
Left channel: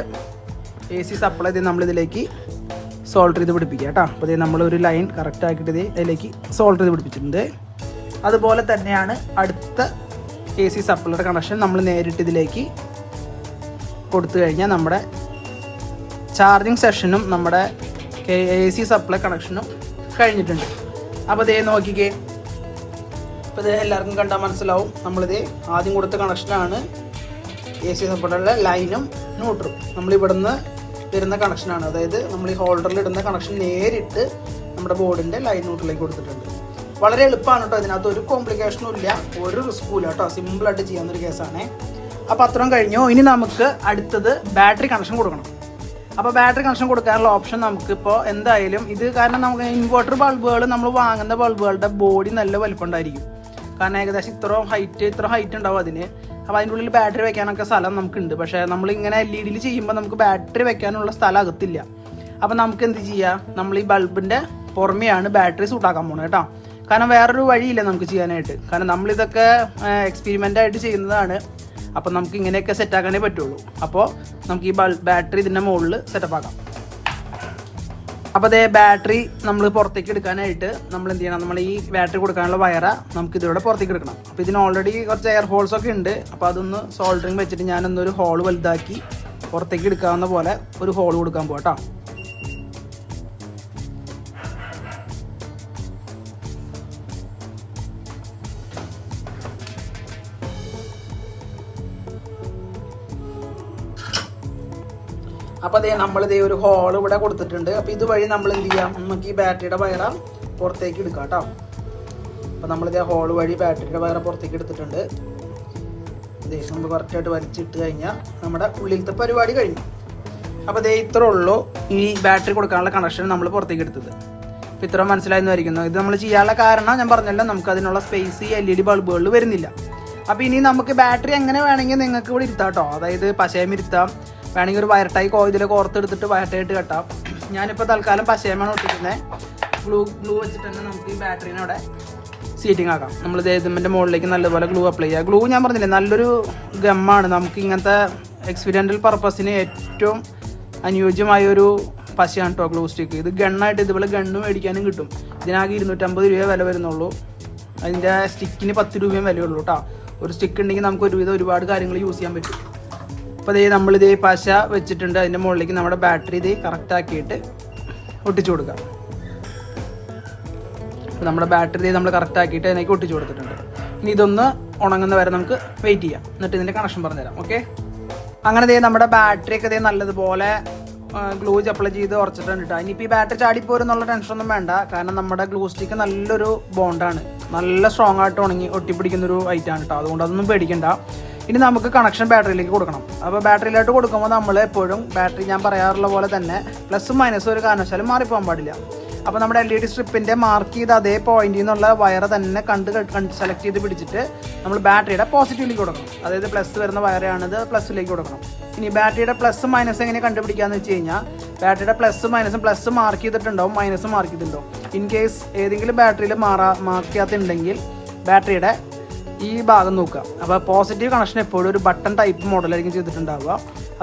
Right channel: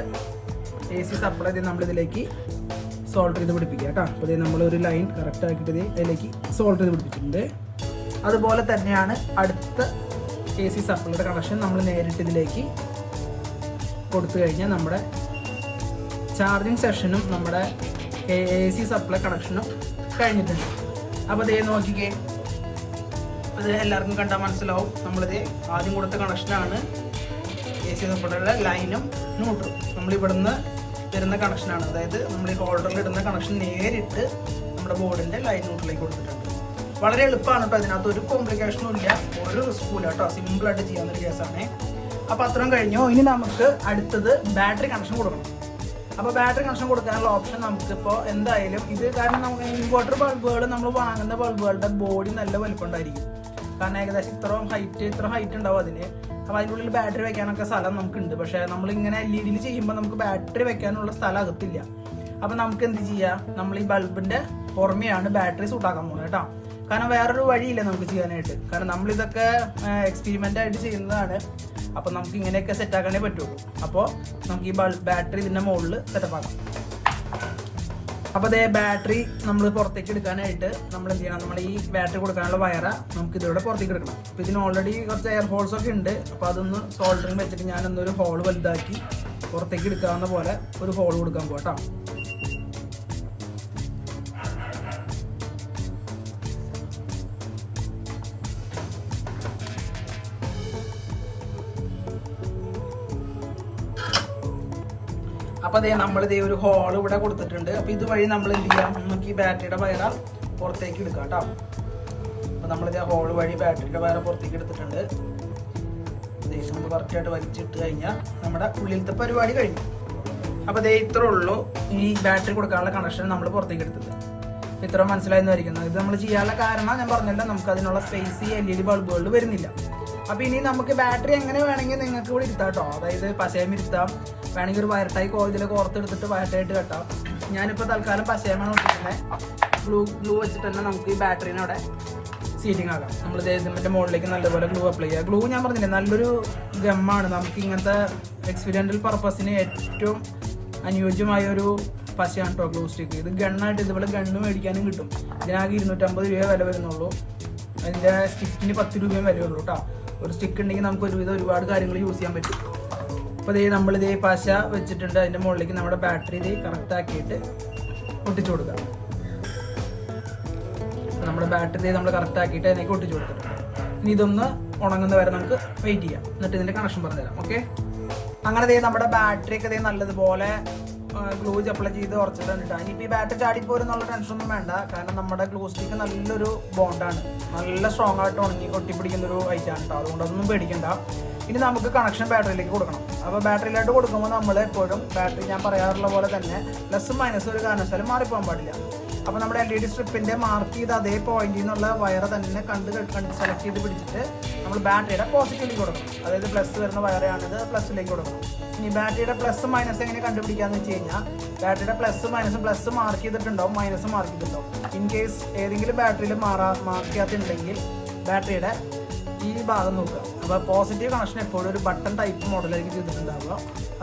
എ സി സപ്ലൈ നമ്മളിതിലേക്ക് സോൾഡർ ചെയ്ത് പിടിപ്പിക്കുക കേട്ടോ. അപ്പോൾ നമ്മളൊരു ലൈൻ കറക്റ്റ് ആക്കിയിട്ട് അതിലേക്ക് സോൾട്ട് ചെയ്ത് പിടിപ്പിച്ചിട്ടുണ്ട്. അതുപോലെ തന്നെയാണ് അടുത്ത എ സി സപ്ലൈയുടെ കണക്ഷൻ നമ്മൾ നേരിട്ട് ഇതിലേക്ക് കൊടുത്തു കഴിഞ്ഞാൽ നമ്മുടെ ചാർജിങ് സെഷനും നമ്മുടെ എ സി സപ്ലൈ കണക്ഷനും കഴിഞ്ഞിട്ടുണ്ട്. അപ്പോൾ ഇതേ നോക്കിക്കേ. അപ്പോൾ ഇത് എല്ലാവർക്കും കണ്ടാൽ മനസ്സിലാവും. നമ്മളിത് ആദ്യം കൊടുത്ത കണക്ഷനാണ് എ സി സപ്ലൈയുടെ ലൈനും ന്യൂട്രും നമ്മളിവിടുന്ന് വരുന്ന കണക്ഷനാണ് അതായത് നമ്മൾ ഈ ഹോൾഡറിൽ ഇടുന്ന കണക്ഷൻ നേരിട്ട് നമ്മുടെ ബോർഡിന്റെ ലൈൻ ന്യൂട്രിലേക്ക് കൊടുത്തിട്ടുണ്ട്. വളരെ എളുപ്പമാണ് കേട്ടോ അതിനകത്ത് ഒരു കോംപ്ലിക്കേഷനും ഇല്ല. ഒരു റിസ്ക്കും ഇല്ല കേട്ടോ സിമ്പിളായിട്ട് ചെയ്യാവുന്നൊരു കേസാണ് അപ്പോൾ അത്രയും കഴിഞ്ഞു. ഇനി നമുക്ക് അടുത്തത് ബാറ്ററി കണക്ഷൻ കൊടുക്കണം. അപ്പോൾ ബാറ്ററി കണക്ഷൻ കൊടുക്കാനുള്ള ഓപ്ഷൻ നമുക്കിപ്പോൾ എന്തായാലും ഇത് കാരണം നമുക്ക് ഇൻവെർട്ടർ ബൾബുകൾ നമ്മൾ വാങ്ങുന്ന ബൾബുകളുടെ ബോഡി നല്ല വലുപ്പം ഉണ്ടായിരിക്കും കാരണം ഏകദേശം ഇത്രയും ഹൈറ്റ് ഇത്ര ഹൈറ്റ് ഉണ്ടാവും അതിന്. അപ്പോൾ അതിന്റെ ഉള്ളിൽ ബാറ്ററി വെക്കാനൊക്കെ സ്ഥലം നമുക്കുണ്ട്. പക്ഷേ നമ്മൾ ഇങ്ങനെ എൽ ഇ ഡിയിൽ ചെയ്യുമ്പോൾ നമുക്ക് ബാറ്ററി വെക്കാനുള്ള സ്ഥലം അകത്തില്ല. അപ്പോൾ നമുക്ക് എന്ത് ചെയ്യാം? നമ്മൾ ഈ ബൾബിന്റെ പുറമെയാണ് ബാറ്ററി സൂട്ടാക്കാൻ പോകുന്നത് കേട്ടോ കാരണം വേറൊരു വഴിയില്ല നമുക്ക് ചെയ്യാനായിട്ട്. കാരണം നമ്മളിതൊക്കെ എക്സ്പെരിമെന്റ് ആയിട്ട് ചെയ്യുന്നതാണ്. അപ്പോൾ നമുക്ക് ഇങ്ങനെയൊക്കെ സെറ്റ് ആക്കാനേ പറ്റുള്ളൂ. അപ്പോൾ നമുക്ക് ഈ ബൾബ് ബാറ്ററി ഇതിന്റെ മുകളിൽ സെറ്റപ്പ് ആക്കാം. അപ്പോൾ അതേ ബാറ്ററി നമ്മൾ പുറത്തേക്ക് എടുക്കാനായിട്ട് നമ്മൾ എന്ത് ചെയ്യണം? നമ്മൾ ഈ ബാറ്ററി കൊടുക്കാനുള്ള വയറ നമുക്ക് ഇതിലൂടെ പുറത്തേക്ക് എടുക്കണം. അപ്പോൾ ഇതിന് ഓൾറെഡി കുറച്ച് എയർ ഹോൾസ് ഒക്കെ ഉണ്ട്. അപ്പോൾ അതൊന്ന് സോൾഡറിങ് വെച്ചിട്ട് ഞാനൊന്നൊരു ഹോൾ വലുതാക്കി പുറത്തേക്ക് എടുക്കാവുന്ന പോലെ ഒരു ഹോൾ കൊടുക്കാൻ പോകട്ടോ അപ്പോൾ അതേ ദേ ഒരു ഹോൾ ഇവിടെ കൊടുത്തിട്ടുണ്ട്. അപ്പോൾ ഇതുവഴി നമ്മൾ എന്ത് ചെയ്യാം? നമുക്ക് ഈ ബാറ്ററിയുടെ വയറ പുറത്തേക്ക് എടുക്കാം കേട്ടോ. അപ്പോൾ നമ്മളിതേ ഹോൾ വഴി ബാറ്ററിയുടെ വയറ പുറത്തേക്ക് എടുത്തിട്ടുണ്ട്. ഇതേ നമ്മൾ കറക്റ്റായിട്ട് വലിച്ചിട്ട് കഴിഞ്ഞാൽ നമ്മുടെ ഉള്ളിലത്തെ പരിപാടി കഴിഞ്ഞു. അപ്പോൾ അതേ ഇത്ര ഉള്ളൂ ഈ ബാറ്ററി കൊടുക്കാനുള്ള കണക്ഷൻ നമ്മൾ പുറത്തേക്ക് എടുത്തത്. ഇത്ര മനസ്സിലായെന്ന് വരിക്കുന്നു ഇത് നമ്മൾ ചെയ്യാനുള്ള കാരണം ഞാൻ പറഞ്ഞല്ലോ നമുക്ക് അതിനുള്ള സ്പേസ് ഈ എൽ ഇ ഡി ബൾബുകളിൽ വരുന്നില്ല. അപ്പോൾ ഇനി നമുക്ക് ബാറ്ററി എങ്ങനെ വേണമെങ്കിൽ നിങ്ങൾക്ക് ഇവിടെ ഇരുത്താം കേട്ടോ. അതായത് പശയം ഇരുത്താം. വേണമെങ്കിൽ ഒരു വയർട്ടായി കോതിൽ കോർത്തെടുത്തിട്ട് വയർട്ടായിട്ട് കെട്ടാം. ഞാനിപ്പോൾ തൽക്കാലം പശയമാണ് ഇട്ടിരിക്കുന്നത് ഗ്ലൂ ഗ്ലൂ വെച്ചിട്ട് തന്നെ നമുക്ക് ഈ ബാറ്ററീനെ അവിടെ സീറ്റിംഗ് ആക്കാം. നമ്മൾ ഇതിന്റെ മുകളിലേക്ക് നല്ലപോലെ ഗ്ലൂ അപ്ലൈ ചെയ്യുക ഗ്ലൂ ഞാൻ പറഞ്ഞില്ലേ നല്ലൊരു ഗമ്മാണ്. നമുക്ക് ഇങ്ങനത്തെ എക്സ്പീരിയന്റൽ പർപ്പസിന് ഏറ്റവും അനുയോജ്യമായ ഒരു പശയാണ് കേട്ടോ ഗ്ലൂ സ്റ്റിക്ക് ഇത് ഗണ്ണായിട്ട് ഇതുപോലെ ഗണ്ണ് മേടിക്കാനും കിട്ടും. ഇതിനാകെ ഇരുന്നൂറ്റമ്പത് രൂപ വില വരുന്നുള്ളൂ. അതിന്റെ സ്റ്റിക്കിന് പത്ത് രൂപയും വിലയുള്ളൂ കേട്ടോ ഒരു സ്റ്റിക്ക് ഉണ്ടെങ്കിൽ നമുക്ക് ഒരുവിധം ഒരുപാട് കാര്യങ്ങൾ യൂസ് ചെയ്യാൻ പറ്റും. അപ്പോൾ ഇതേ നമ്മളിതേ പശ വെച്ചിട്ടുണ്ട്. അതിന്റെ മുകളിലേക്ക് നമ്മുടെ ബാറ്ററി ഇത് കറക്റ്റ് ആക്കിയിട്ട് ഒട്ടിച്ചു കൊടുക്കാം. നമ്മുടെ ബാറ്ററി നമ്മൾ കറക്റ്റ് ആക്കിയിട്ട് അതിനേക്ക് ഒട്ടിച്ചു കൊടുത്തിട്ടുണ്ട്. ഇനി ഇതൊന്ന് ഉണങ്ങുന്ന വരെ നമുക്ക് വെയിറ്റ് ചെയ്യാം. എന്നിട്ട് ഇതിന്റെ കണക്ഷൻ പറഞ്ഞുതരാം ഓക്കെ അങ്ങനെ ദേ നമ്മുടെ ബാറ്ററി ഒക്കെ ദേ നല്ലതുപോലെ ഗ്ലൂ അപ്ലൈ ചെയ്ത് ഉറച്ചിട്ടുണ്ട് കേട്ടോ ഇനിയിപ്പോൾ ഈ ബാറ്ററി ചാടിപ്പോരും എന്നുള്ള ടെൻഷനൊന്നും വേണ്ട. കാരണം നമ്മുടെ ഗ്ലൂ സ്റ്റിക്ക് നല്ലൊരു ബോണ്ടാണ് നല്ല സ്ട്രോങ് ആയിട്ട് ഉണങ്ങി ഒട്ടിപ്പിടിക്കുന്ന ഒരു ഐറ്റാണ് കേട്ടോ അതുകൊണ്ട് അതൊന്നും പേടിക്കണ്ട. ഇനി നമുക്ക് കണക്ഷൻ ബാറ്ററിയിലേക്ക് കൊടുക്കണം. അപ്പോൾ ബാറ്ററിയിലോട്ട് കൊടുക്കുമ്പോൾ നമ്മൾ എപ്പോഴും ബാറ്ററി ഞാൻ പറയാറുള്ള പോലെ തന്നെ പ്ലസ് മൈനസ് ഒരു കാരണവശാലും മാറിപ്പോകാൻ പാടില്ല. അപ്പോൾ നമ്മുടെ എൽ ഇ ഡി സ്ട്രിപ്പിന്റെ മാർക്ക് ചെയ്ത് അതേ പോയിന്റിൽ നിന്നുള്ള വയർ തന്നെ കണ്ട് കണ്ട് സെലക്ട് ചെയ്ത് പിടിച്ചിട്ട് നമ്മൾ ബാറ്ററിയുടെ പോസിറ്റീവിലേക്ക് കൊടുക്കും. അതായത് പ്ലസ് വരുന്ന വയറാണിത് പ്ലസ്സിലേക്ക് കൊടുക്കണം ഇനി ബാറ്ററിയുടെ പ്ലസ് മൈനസ് എങ്ങനെ കണ്ടുപിടിക്കാന്ന് വെച്ച് കഴിഞ്ഞാൽ ബാറ്ററിയുടെ പ്ലസ് മൈനസ് പ്ലസ് മാർക്ക് ചെയ്തിട്ടുണ്ടാവും മൈനസ് മാർക്ക് ചെയ്തിട്ടുണ്ടാവും. ഇൻ കേസ് ഏതെങ്കിലും ബാറ്ററിയിൽ മാറാ മാർക്ക് ചെയ്യാത്തുണ്ടെങ്കിൽ ബാറ്ററിയുടെ ഈ ഭാഗം നോക്കുക. അപ്പോൾ പോസിറ്റീവ് കണക്ഷൻ എപ്പോഴും ഒരു ബട്ടൺ ടൈപ്പ് മോഡലായിരിക്കും ചെയ്തിട്ടുണ്ടാവുക.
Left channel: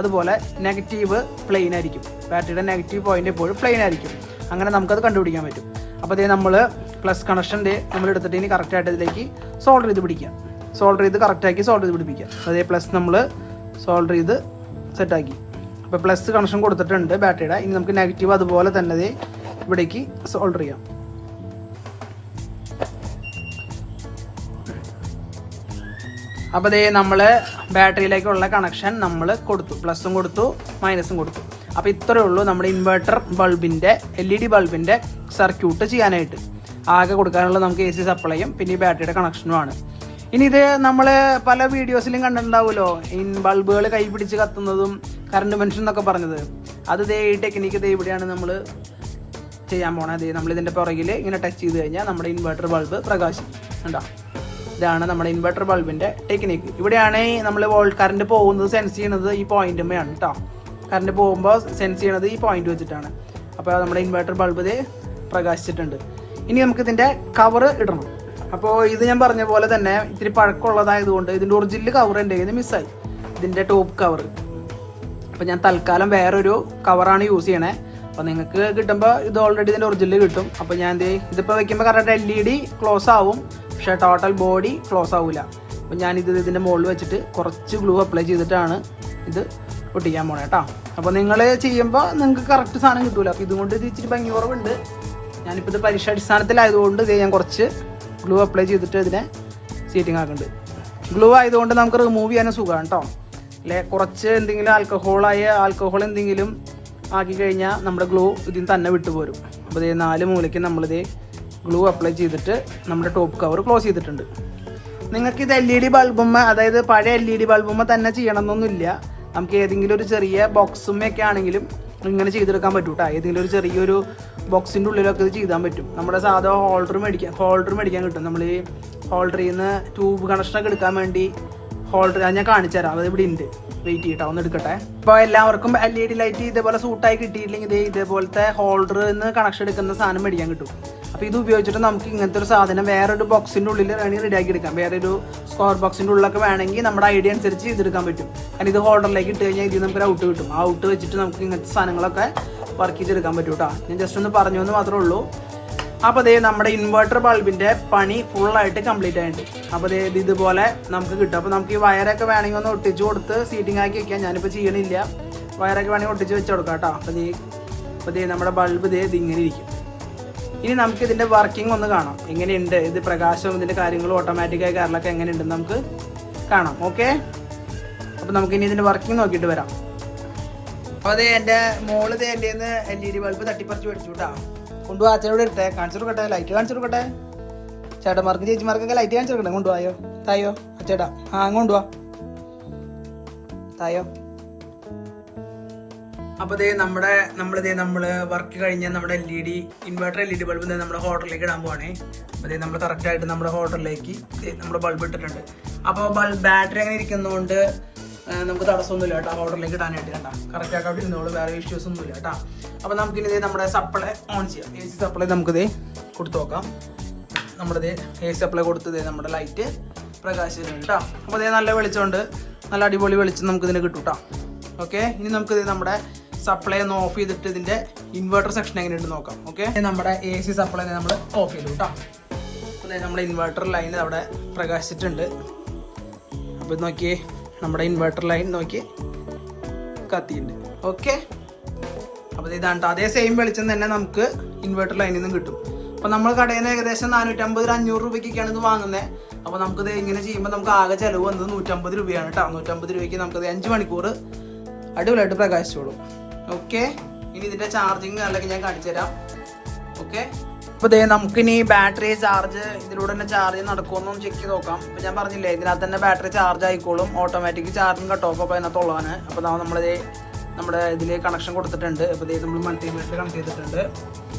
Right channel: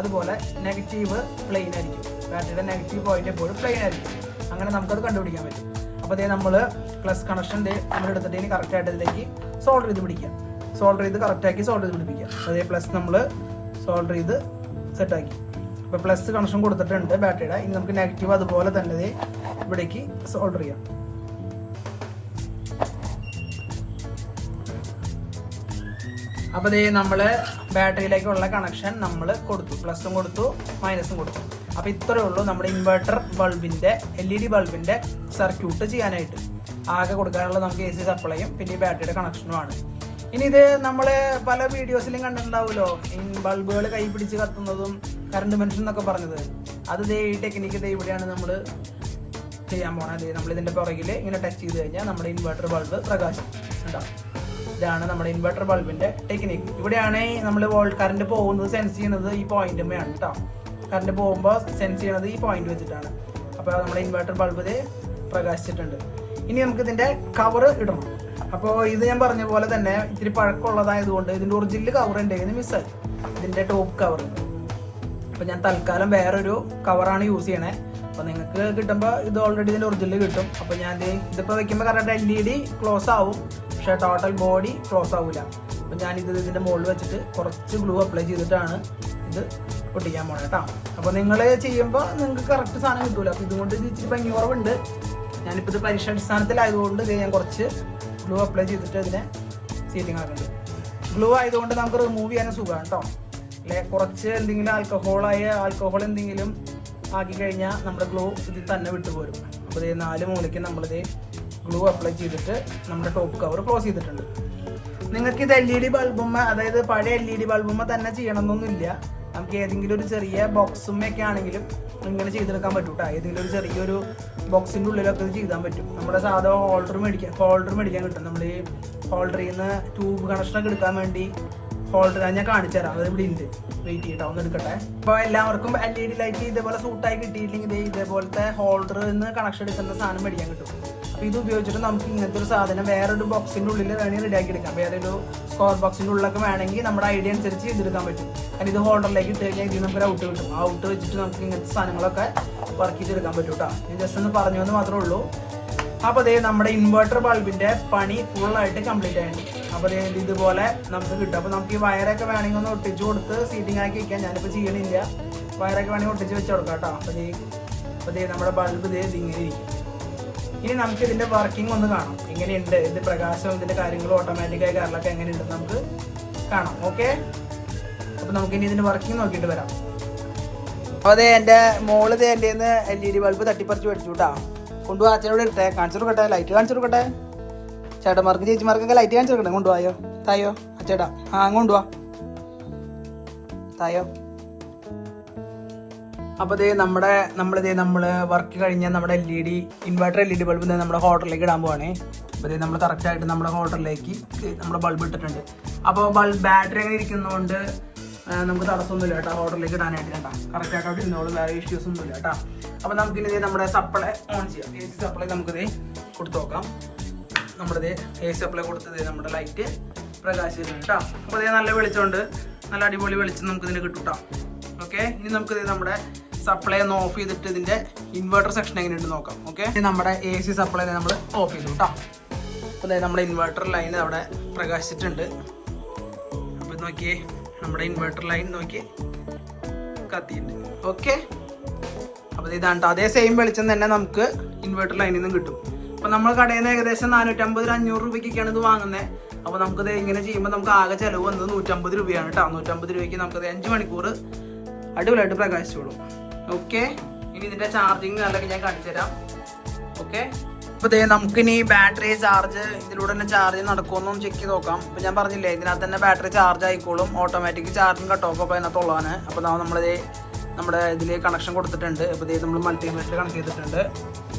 അതുപോലെ നെഗറ്റീവ് പ്ലെയിൻ ആയിരിക്കും. ബാറ്ററിയുടെ നെഗറ്റീവ് പോയിന്റ് എപ്പോഴും പ്ലെയിൻ ആയിരിക്കും. അങ്ങനെ നമുക്കത് കണ്ടുപിടിക്കാൻ പറ്റും. അപ്പോൾ ഇതേ നമ്മൾ പ്ലസ് കണക്ഷന്റെ നമ്മൾ എടുത്തിട്ട് ഇനി കറക്റ്റായിട്ട് ഇതിലേക്ക് സോൾഡർ ചെയ്ത് പിടിക്കാം. സോൾഡർ ചെയ്ത് കറക്റ്റാക്കി സോൾഡർ ചെയ്ത് പിടിപ്പിക്കാം. അതേ പ്ലസ് നമ്മൾ സോൾഡർ ചെയ്ത് സെറ്റാക്കി അപ്പോൾ പ്ലസ് കണക്ഷൻ കൊടുത്തിട്ടുണ്ട് ബാറ്ററിയുടെ ഇനി നമുക്ക് നെഗറ്റീവ് അതുപോലെ തന്നെ ഇവിടേക്ക് സോൾഡർ ചെയ്യാം. അപ്പോൾ ഇതേ നമ്മൾ ബാറ്ററിയിലേക്കുള്ള കണക്ഷൻ നമ്മൾ കൊടുത്തു. പ്ലസും കൊടുത്തു മൈനസും കൊടുത്തു. അപ്പോൾ ഇത്രേ ഉള്ളൂ നമ്മുടെ ഇൻവെർട്ടർ ബൾബിന്റെ എൽ ഇ ഡി ബൾബിന്റെ സർക്യൂട്ട് ചെയ്യാനായിട്ട്. ആകെ കൊടുക്കാനുള്ള നമുക്ക് എ സി സപ്ലൈയും പിന്നെ ഈ ബാറ്ററിയുടെ കണക്ഷനുമാണ് ഇനി ഇത് നമ്മൾ പല വീഡിയോസിലും കണ്ടിട്ടുണ്ടാവുമല്ലോ. ഈ ബൾബുകൾ കൈ പിടിച്ച് കത്തുന്നതും കറണ്ട് മെൻഷൻ എന്നൊക്കെ പറഞ്ഞത്. അത് ഇതേ ഈ ടെക്നിക്ക് ഇതേ ഇവിടെയാണ് നമ്മൾ ചെയ്യാൻ പോണത് നമ്മൾ ഇതിന്റെ പുറകിൽ ഇങ്ങനെ ടച്ച് ചെയ്ത് കഴിഞ്ഞാൽ നമ്മുടെ ഇൻവെർട്ടർ ബൾബ് പ്രകാശിക്കും. കണ്ടോ? ഇതാണ് നമ്മുടെ ഇൻവെർട്ടർ ബൾബിന്റെ ടെക്നിക്ക് ഇവിടെയാണ് നമ്മൾ വോൾട്ട് കറണ്ട് പോകുന്നത് സെൻസ് ചെയ്യുന്നത് ഈ പോയിന്റുമ്മയാണ് കേട്ടോ കറണ്ട് പോകുമ്പോൾ സെൻസ് ചെയ്യണത് ഈ പോയിന്റ് വെച്ചിട്ടാണ്. അപ്പോൾ നമ്മുടെ ഇൻവെർട്ടർ ബൾബ് ഇത് പ്രകാശിച്ചിട്ടുണ്ട്. ഇനി നമുക്ക് ഇതിന്റെ കവർ ഇടണം. അപ്പോൾ ഇത് ഞാൻ പറഞ്ഞ പോലെ തന്നെ ഇത്തിരി പഴക്കമുള്ളതായതുകൊണ്ട് ഇതിന്റെ ഒറിജിനൽ കവർ എന്റെ കയ്യിൽ മിസ്സായി ഇതിന്റെ ടോപ്പ് കവർ അപ്പോൾ ഞാൻ തൽക്കാലം വേറൊരു കവറാണ് യൂസ് ചെയ്യണേ. അപ്പോൾ നിങ്ങൾക്ക് കിട്ടുമ്പോൾ ഇത് ഓൾറെഡി ഇതിന്റെ ഒറിജിനൽ കിട്ടും. അപ്പോൾ ഞാൻ ദേ ഇതിപ്പോ വെക്കുമ്പോൾ correct L E D close ആവും. പക്ഷെ ടോട്ടൽ ബോഡി ക്ലോസ് ആവില്ല അപ്പൊ ഞാൻ ഇത് ഇതിന്റെ മുകളിൽ വെച്ചിട്ട് കുറച്ച് ഗ്ലൂ അപ്ലൈ ചെയ്തിട്ടാണ് ഇത് ഒട്ടിക്കാൻ പോണേ കേട്ടോ അപ്പോൾ നിങ്ങൾ ചെയ്യുമ്പോൾ നിങ്ങൾക്ക് കറക്റ്റ് സാധനം കിട്ടൂല. അപ്പോൾ ഇതുകൊണ്ട് ഇത് ഇച്ചിരി ഭംഗി കുറവുണ്ട്. ഞാനിപ്പോൾ ഇത് പരീക്ഷ അടിസ്ഥാനത്തിലായതുകൊണ്ട് ഇത് ഞാൻ കുറച്ച് ഗ്ലൂ അപ്ലൈ ചെയ്തിട്ട് ഇതിനെ സീറ്റിംഗ് ആക്കുന്നുണ്ട്. ഗ്ലൂ ആയതുകൊണ്ട് നമുക്ക് റിമൂവ് ചെയ്യാനും സുഖമാണ് കേട്ടോ അല്ലെ? കുറച്ച് എന്തെങ്കിലും ആൽക്കഹോളായ ആൽക്കഹോൾ എന്തെങ്കിലും ആക്കി കഴിഞ്ഞാൽ നമ്മുടെ ഗ്ലൂ ഇതിൽ തന്നെ വിട്ടുപോരും. അപ്പോൾ ഇതേ നാല് മൂലയ്ക്ക് നമ്മളിത് ഗ്ലൂ അപ്ലൈ ചെയ്തിട്ട് നമ്മുടെ ടോപ്പ് കവർ ക്ലോസ് ചെയ്തിട്ടുണ്ട്. നിങ്ങൾക്ക് ഇത് എൽ ഇ ഡി ബൾബുമ്മ അതായത് പഴയ എൽ ഇ ഡി ബൾബുമ്മ തന്നെ ചെയ്യണമെന്നൊന്നുമില്ല. നമുക്ക് ഏതെങ്കിലും ഒരു ചെറിയ ബോക്സുമ്മയൊക്കെ ആണെങ്കിലും ഇങ്ങനെ ചെയ്തെടുക്കാൻ പറ്റും കേട്ടോ ഏതെങ്കിലും ഒരു ചെറിയൊരു ബോക്സിന്റെ ഉള്ളിലൊക്കെ ഇത് ചെയ്താൻ പറ്റും. നമ്മുടെ സാധാ ഹോൾഡർ മേടിക്കാൻ ഹോൾഡർ മേടിക്കാൻ കിട്ടും. നമ്മൾ ഈ ഹോൾഡറിൽ നിന്ന് ട്യൂബ് കണക്ഷനൊക്കെ എടുക്കാൻ വേണ്ടി ഹോൾഡർ ഞാൻ കാണിച്ചു തരാം. അത് ഇവിടെ ഉണ്ട്. വെയിറ്റ് ചെയ്യട്ടെ. ഒന്ന് എടുക്കട്ടെ. അപ്പോൾ എല്ലാവർക്കും എൽ ഇ ഡി ലൈറ്റ് ഇതേപോലെ സൂട്ടായി കിട്ടിയില്ലെങ്കിൽ ഇതേ ഇതേപോലത്തെ ഹോൾഡർ നിന്ന് കണക്ഷൻ എടുക്കുന്ന സാധനം മേടിക്കാൻ കിട്ടും. അപ്പോൾ ഇത് ഉപയോഗിച്ചിട്ട് നമുക്ക് ഇങ്ങനത്തെ ഒരു സാധനം വേറൊരു ബോക്സിന്റെ ഉള്ളിൽ വേണമെങ്കിൽ റെഡിയാക്കി എടുക്കാം. വേറെ ഒരു സ്ക്വയർ ബോക്സിന്റെ ഉള്ളിലൊക്കെ വേണമെങ്കിൽ നമ്മുടെ ഐഡിയ അനുസരിച്ച് ചെയ്തെടുക്കാൻ പറ്റും. കാരണം ഇത് ഹോൾഡറിലേക്ക് ഇട്ട് കഴിഞ്ഞാൽ ഇതിൽ നമുക്ക് ഔട്ട് കിട്ടും. ഔട്ട് വെച്ചിട്ട് നമുക്ക് ഇങ്ങനത്തെ സാധനങ്ങളൊക്കെ വർക്ക് ചെയ്തെടുക്കാൻ പറ്റും കേട്ടോ ഞാൻ ജസ്റ്റ് ഒന്ന് പറഞ്ഞു എന്ന് മാത്രമേ ഉള്ളൂ. അപ്പോൾ അതേ നമ്മുടെ ഇൻവെർട്ടർ ബൾബിന്റെ പണി ഫുൾ ആയിട്ട് കംപ്ലീറ്റ് ആയിട്ടുണ്ട്. ഇത് ഇതുപോലെ നമുക്ക് കിട്ടും. അപ്പോൾ നമുക്ക് ഈ വയറൊക്കെ വേണമെങ്കിൽ ഒന്ന് ഒട്ടിച്ച് കൊടുത്ത് സീറ്റിംഗ് ആക്കി വെക്കാം. ഞാനിപ്പോൾ ചെയ്യണില്ല. വയറൊക്കെ വേണമെങ്കിൽ ഒട്ടിച്ച് വെച്ച് കൊടുക്കാം കേട്ടോ. അപ്പോൾ ദേ അപ്പോൾ നമ്മുടെ ബൾബ് ദേ ഇതിങ്ങനെ ഇരിക്കും. ഇനി നമുക്ക് ഇതിന്റെ വർക്കിംഗ് ഒന്ന് കാണാം. എങ്ങനെയുണ്ട്? ഇത് പ്രകാശവും ഇതിന്റെ കാര്യങ്ങളും ഓട്ടോമാറ്റിക്കായി കാര്യങ്ങളൊക്കെ എങ്ങനെയുണ്ടെന്ന് നമുക്ക് കാണാം. ഓക്കെ അപ്പോൾ നമുക്ക് ഇനി ഇതിന്റെ വർക്കിംഗ് നോക്കിയിട്ട് വരാം. അപ്പോൾ അതെ എന്റെ മോൾ ദേ എന്റെ എൽ ഇ ഡി ബൾബ് തട്ടിപ്പറിച്ച് മേടിച്ചു കേട്ടോ. കൊണ്ടുപോയി അച്ഛനോട് എടുത്തേ. കാണിച്ചു കൊടുക്കട്ടെ? ലൈറ്റ് കാണിച്ചു കൊടുക്കട്ടെ? ചേട്ടന്മാർക്കും ചേച്ചിമാർക്കൊക്കെ ലൈറ്റ് കാണിച്ചു കൊടുക്കണേ കൊണ്ടുപോയോ? തായോ? അച്ചേട്ടാ ആ കൊണ്ടുപോവാ. തായോ? അപ്പൊ ദേ നമ്മുടെ നമ്മളിതേ നമ്മൾ വർക്ക് കഴിഞ്ഞാൽ നമ്മുടെ L E D inverter L E D bulb നമ്മുടെ ഹോട്ടലിലേക്ക് ഇടാൻ പോവാണേ. അപ്പൊ ദേ നമ്മൾ കറക്റ്റ് ആയിട്ട് നമ്മുടെ ഹോട്ടലിലേക്ക് നമ്മുടെ ബൾബ് ഇട്ടിട്ടുണ്ട്. അപ്പോൾ ബൾബ് ബാറ്ററി അങ്ങനെ ഇരിക്കുന്നതുകൊണ്ട് നമുക്ക് തടസ്സമൊന്നുമില്ല കേട്ടോ ഹോട്ടലിലേക്ക് ഇടാനായിട്ട് കണ്ട. കറക്റ്റ് ആയിട്ട് അവിടെ ഇരുന്നോളൂ വേറെ ഇഷ്യൂസ് ഒന്നുമില്ല കേട്ടോ. അപ്പൊ നമുക്കിനി ഇതേ നമ്മുടെ സപ്ലൈ ഓൺ ചെയ്യാം. സപ്ലൈ നമുക്കിത് കൊടുത്തു നോക്കാം. നമ്മുടെ എ സപ്ലൈ കൊടുത്തത് നമ്മുടെ ലൈറ്റ് പ്രകാശിച്ചിട്ടുണ്ട് കേട്ടോ അപ്പോൾ ഇതേ നല്ല വെളിച്ചമുണ്ട്. നല്ല അടിപൊളി വെളിച്ചം നമുക്ക് ഇതിന് കിട്ടും കേട്ടോ ഓക്കെ ഇനി നമുക്ക് ഇത് നമ്മുടെ സപ്ലൈ ഒന്ന് ഓഫ് ചെയ്തിട്ട് ഇതിന്റെ ഇൻവേർട്ടർ സെക്ഷൻ എങ്ങനെയുണ്ട് നോക്കാം. ഓക്കെ നമ്മുടെ എ സി സപ്ലൈ നമ്മൾ ഓഫ് ചെയ്തു കേട്ടോ അപ്പോൾ നമ്മുടെ ഇൻവേർട്ടർ ലൈൻ അവിടെ പ്രകാശിച്ചിട്ടുണ്ട്. അപ്പോൾ ഇത് നോക്കിയേ നമ്മുടെ ഇൻവേർട്ടർ ലൈൻ നോക്കി കത്തിയിട്ടുണ്ട്. ഓക്കെ അപ്പോൾ ഇതാണ്. അതേ സെയിം വെളിച്ചം തന്നെ നമുക്ക് ഇൻവേർട്ടർ ലൈനിൽ നിന്നും കിട്ടും. അപ്പോൾ നമ്മൾ കടയിൽ നിന്ന് ഏകദേശം നാനൂറ്റമ്പത് അഞ്ഞൂറ് രൂപയ്ക്കൊക്കെയാണ് ഇത് വാങ്ങുന്നത് അപ്പോൾ നമുക്കിത് ഇങ്ങനെ ചെയ്യുമ്പോൾ നമുക്ക് ആകെ ചിലവ് വന്നത് നൂറ്റമ്പത് രൂപയാണ് കേട്ടോ. നൂറ്റമ്പത് രൂപയ്ക്ക് നമുക്കത് അഞ്ച് മണിക്കൂർ അടിപൊളിയായിട്ട് പ്രകാശിച്ചോളും. ഓക്കെ ഇനി ഇതിന്റെ ചാർജിങ് അല്ലെങ്കിൽ ഞാൻ കാണിച്ചു തരാം. ഓക്കെ അപ്പോൾ ഇതേ നമുക്കിനി ബാറ്ററി ചാർജ് ഇതിലൂടെ തന്നെ ചാർജ് നടക്കുമെന്നും ചെക്ക് ചെയ്ത് നോക്കാം. അപ്പൊ ഞാൻ പറഞ്ഞില്ലേ ഇതിനകത്ത് തന്നെ ബാറ്ററി ചാർജ് ആയിക്കോളും. ഓട്ടോമാറ്റിക് ചാർജിങ് കട്ട് ഓഫ് അപ്പോൾ അതിനകത്തുള്ളതാണ് അപ്പോൾ നമ്മളിത് നമ്മുടെ ഇതിൽ കണക്ഷൻ കൊടുത്തിട്ടുണ്ട്. അപ്പോൾ ഇതേ നമ്മൾ മൾട്ടിമീറ്റർ കണക്ട് ചെയ്തിട്ടുണ്ട്.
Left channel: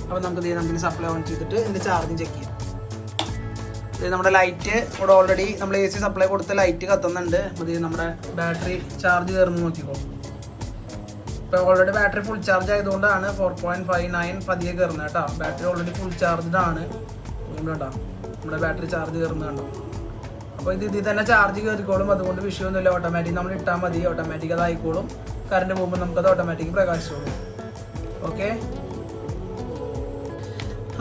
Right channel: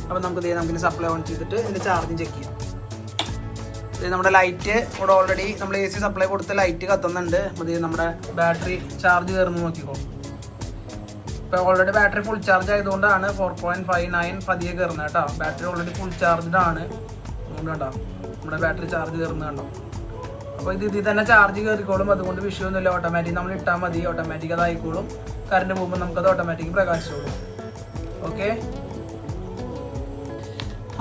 അപ്പോൾ നമുക്ക് ഇതേ നമുക്ക് സപ്ലൈ ഓൺ ചെയ്തിട്ട് ഇതിന്റെ ചാർജിങ് ചെക്ക് ചെയ്യാം. നമ്മുടെ ലൈറ്റ് ഇവിടെ ഓൾറെഡി നമ്മൾ എ സി സപ്ലൈ കൊടുത്ത് ലൈറ്റ് കത്തുന്നുണ്ട്. അത് നമ്മുടെ ബാറ്ററി ചാർജ് കയറുന്നു നോക്കിക്കോ. ഇപ്പോൾ ഓൾറെഡി ബാറ്ററി ഫുൾ ചാർജ് ആയതുകൊണ്ടാണ് ഫോർ പോയിന്റ് ഫൈവ് നയൻ പതിയെ കയറുന്നത് കേട്ടോ. ബാറ്ററി ഓൾറെഡി ഫുൾ ചാർജ്ഡ് ആണ്. അതുകൊണ്ട് കേട്ടോ നമ്മുടെ ബാറ്ററി ചാർജ് കയറുന്നത് കണ്ടോ. അപ്പോൾ ഇത് ഇതിൽ തന്നെ ചാർജ് കയറിക്കോളും. അതുകൊണ്ട് വിഷയമൊന്നുമില്ല ഓട്ടോമാറ്റിക് നമ്മൾ ഇട്ടാൽ മതി. ഓട്ടോമാറ്റിക് അതായിക്കോളും കറണ്ട് പോകുമ്പോൾ നമുക്കത് ഓട്ടോമാറ്റിക് പ്രകാശിച്ചോളും. ഓക്കെ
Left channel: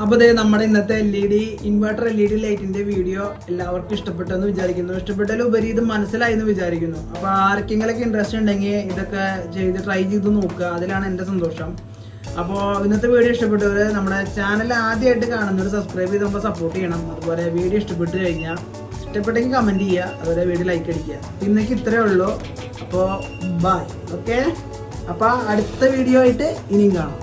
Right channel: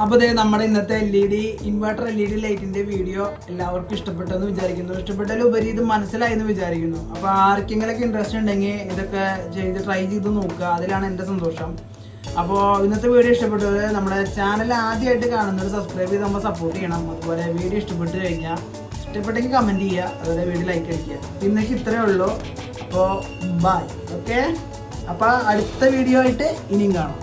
അപ്പോൾ ഇതേ നമ്മുടെ ഇന്നത്തെ L E D inverter L E D ലൈറ്റിന്റെ വീഡിയോ എല്ലാവർക്കും ഇഷ്ടപ്പെട്ടെന്ന് വിചാരിക്കുന്നു. ഇഷ്ടപ്പെട്ടതിലുപരി ഇത് മനസ്സിലായെന്ന് വിചാരിക്കുന്നു. അപ്പോൾ ആർക്കെങ്കിലൊക്കെ ഇൻട്രസ്റ്റ് ഉണ്ടെങ്കിൽ ഇതൊക്കെ ചെയ്ത് ട്രൈ ചെയ്ത് നോക്കുക. അതിലാണ് എന്റെ സന്തോഷം. അപ്പോൾ ഇന്നത്തെ വീഡിയോ ഇഷ്ടപ്പെട്ടവർ നമ്മുടെ ചാനൽ ആദ്യമായിട്ട് കാണുന്നവർ സബ്സ്ക്രൈബ് ചെയ്ത് നമ്മൾ സപ്പോർട്ട് ചെയ്യണം. അതുപോലെ വീഡിയോ ഇഷ്ടപ്പെട്ട് കഴിഞ്ഞാൽ ഇഷ്ടപ്പെട്ടെങ്കിൽ കമന്റ് ചെയ്യുക. അതുപോലെ വീഡിയോ ലൈക്ക് അടിക്കുക. ഇന്നേക്ക് ഇത്രയേ ഉള്ളൂ. അപ്പോൾ ബായ് ഓക്കെ അപ്പോൾ അടുത്ത വീഡിയോ ആയിട്ട് ഇനിയും കാണാം.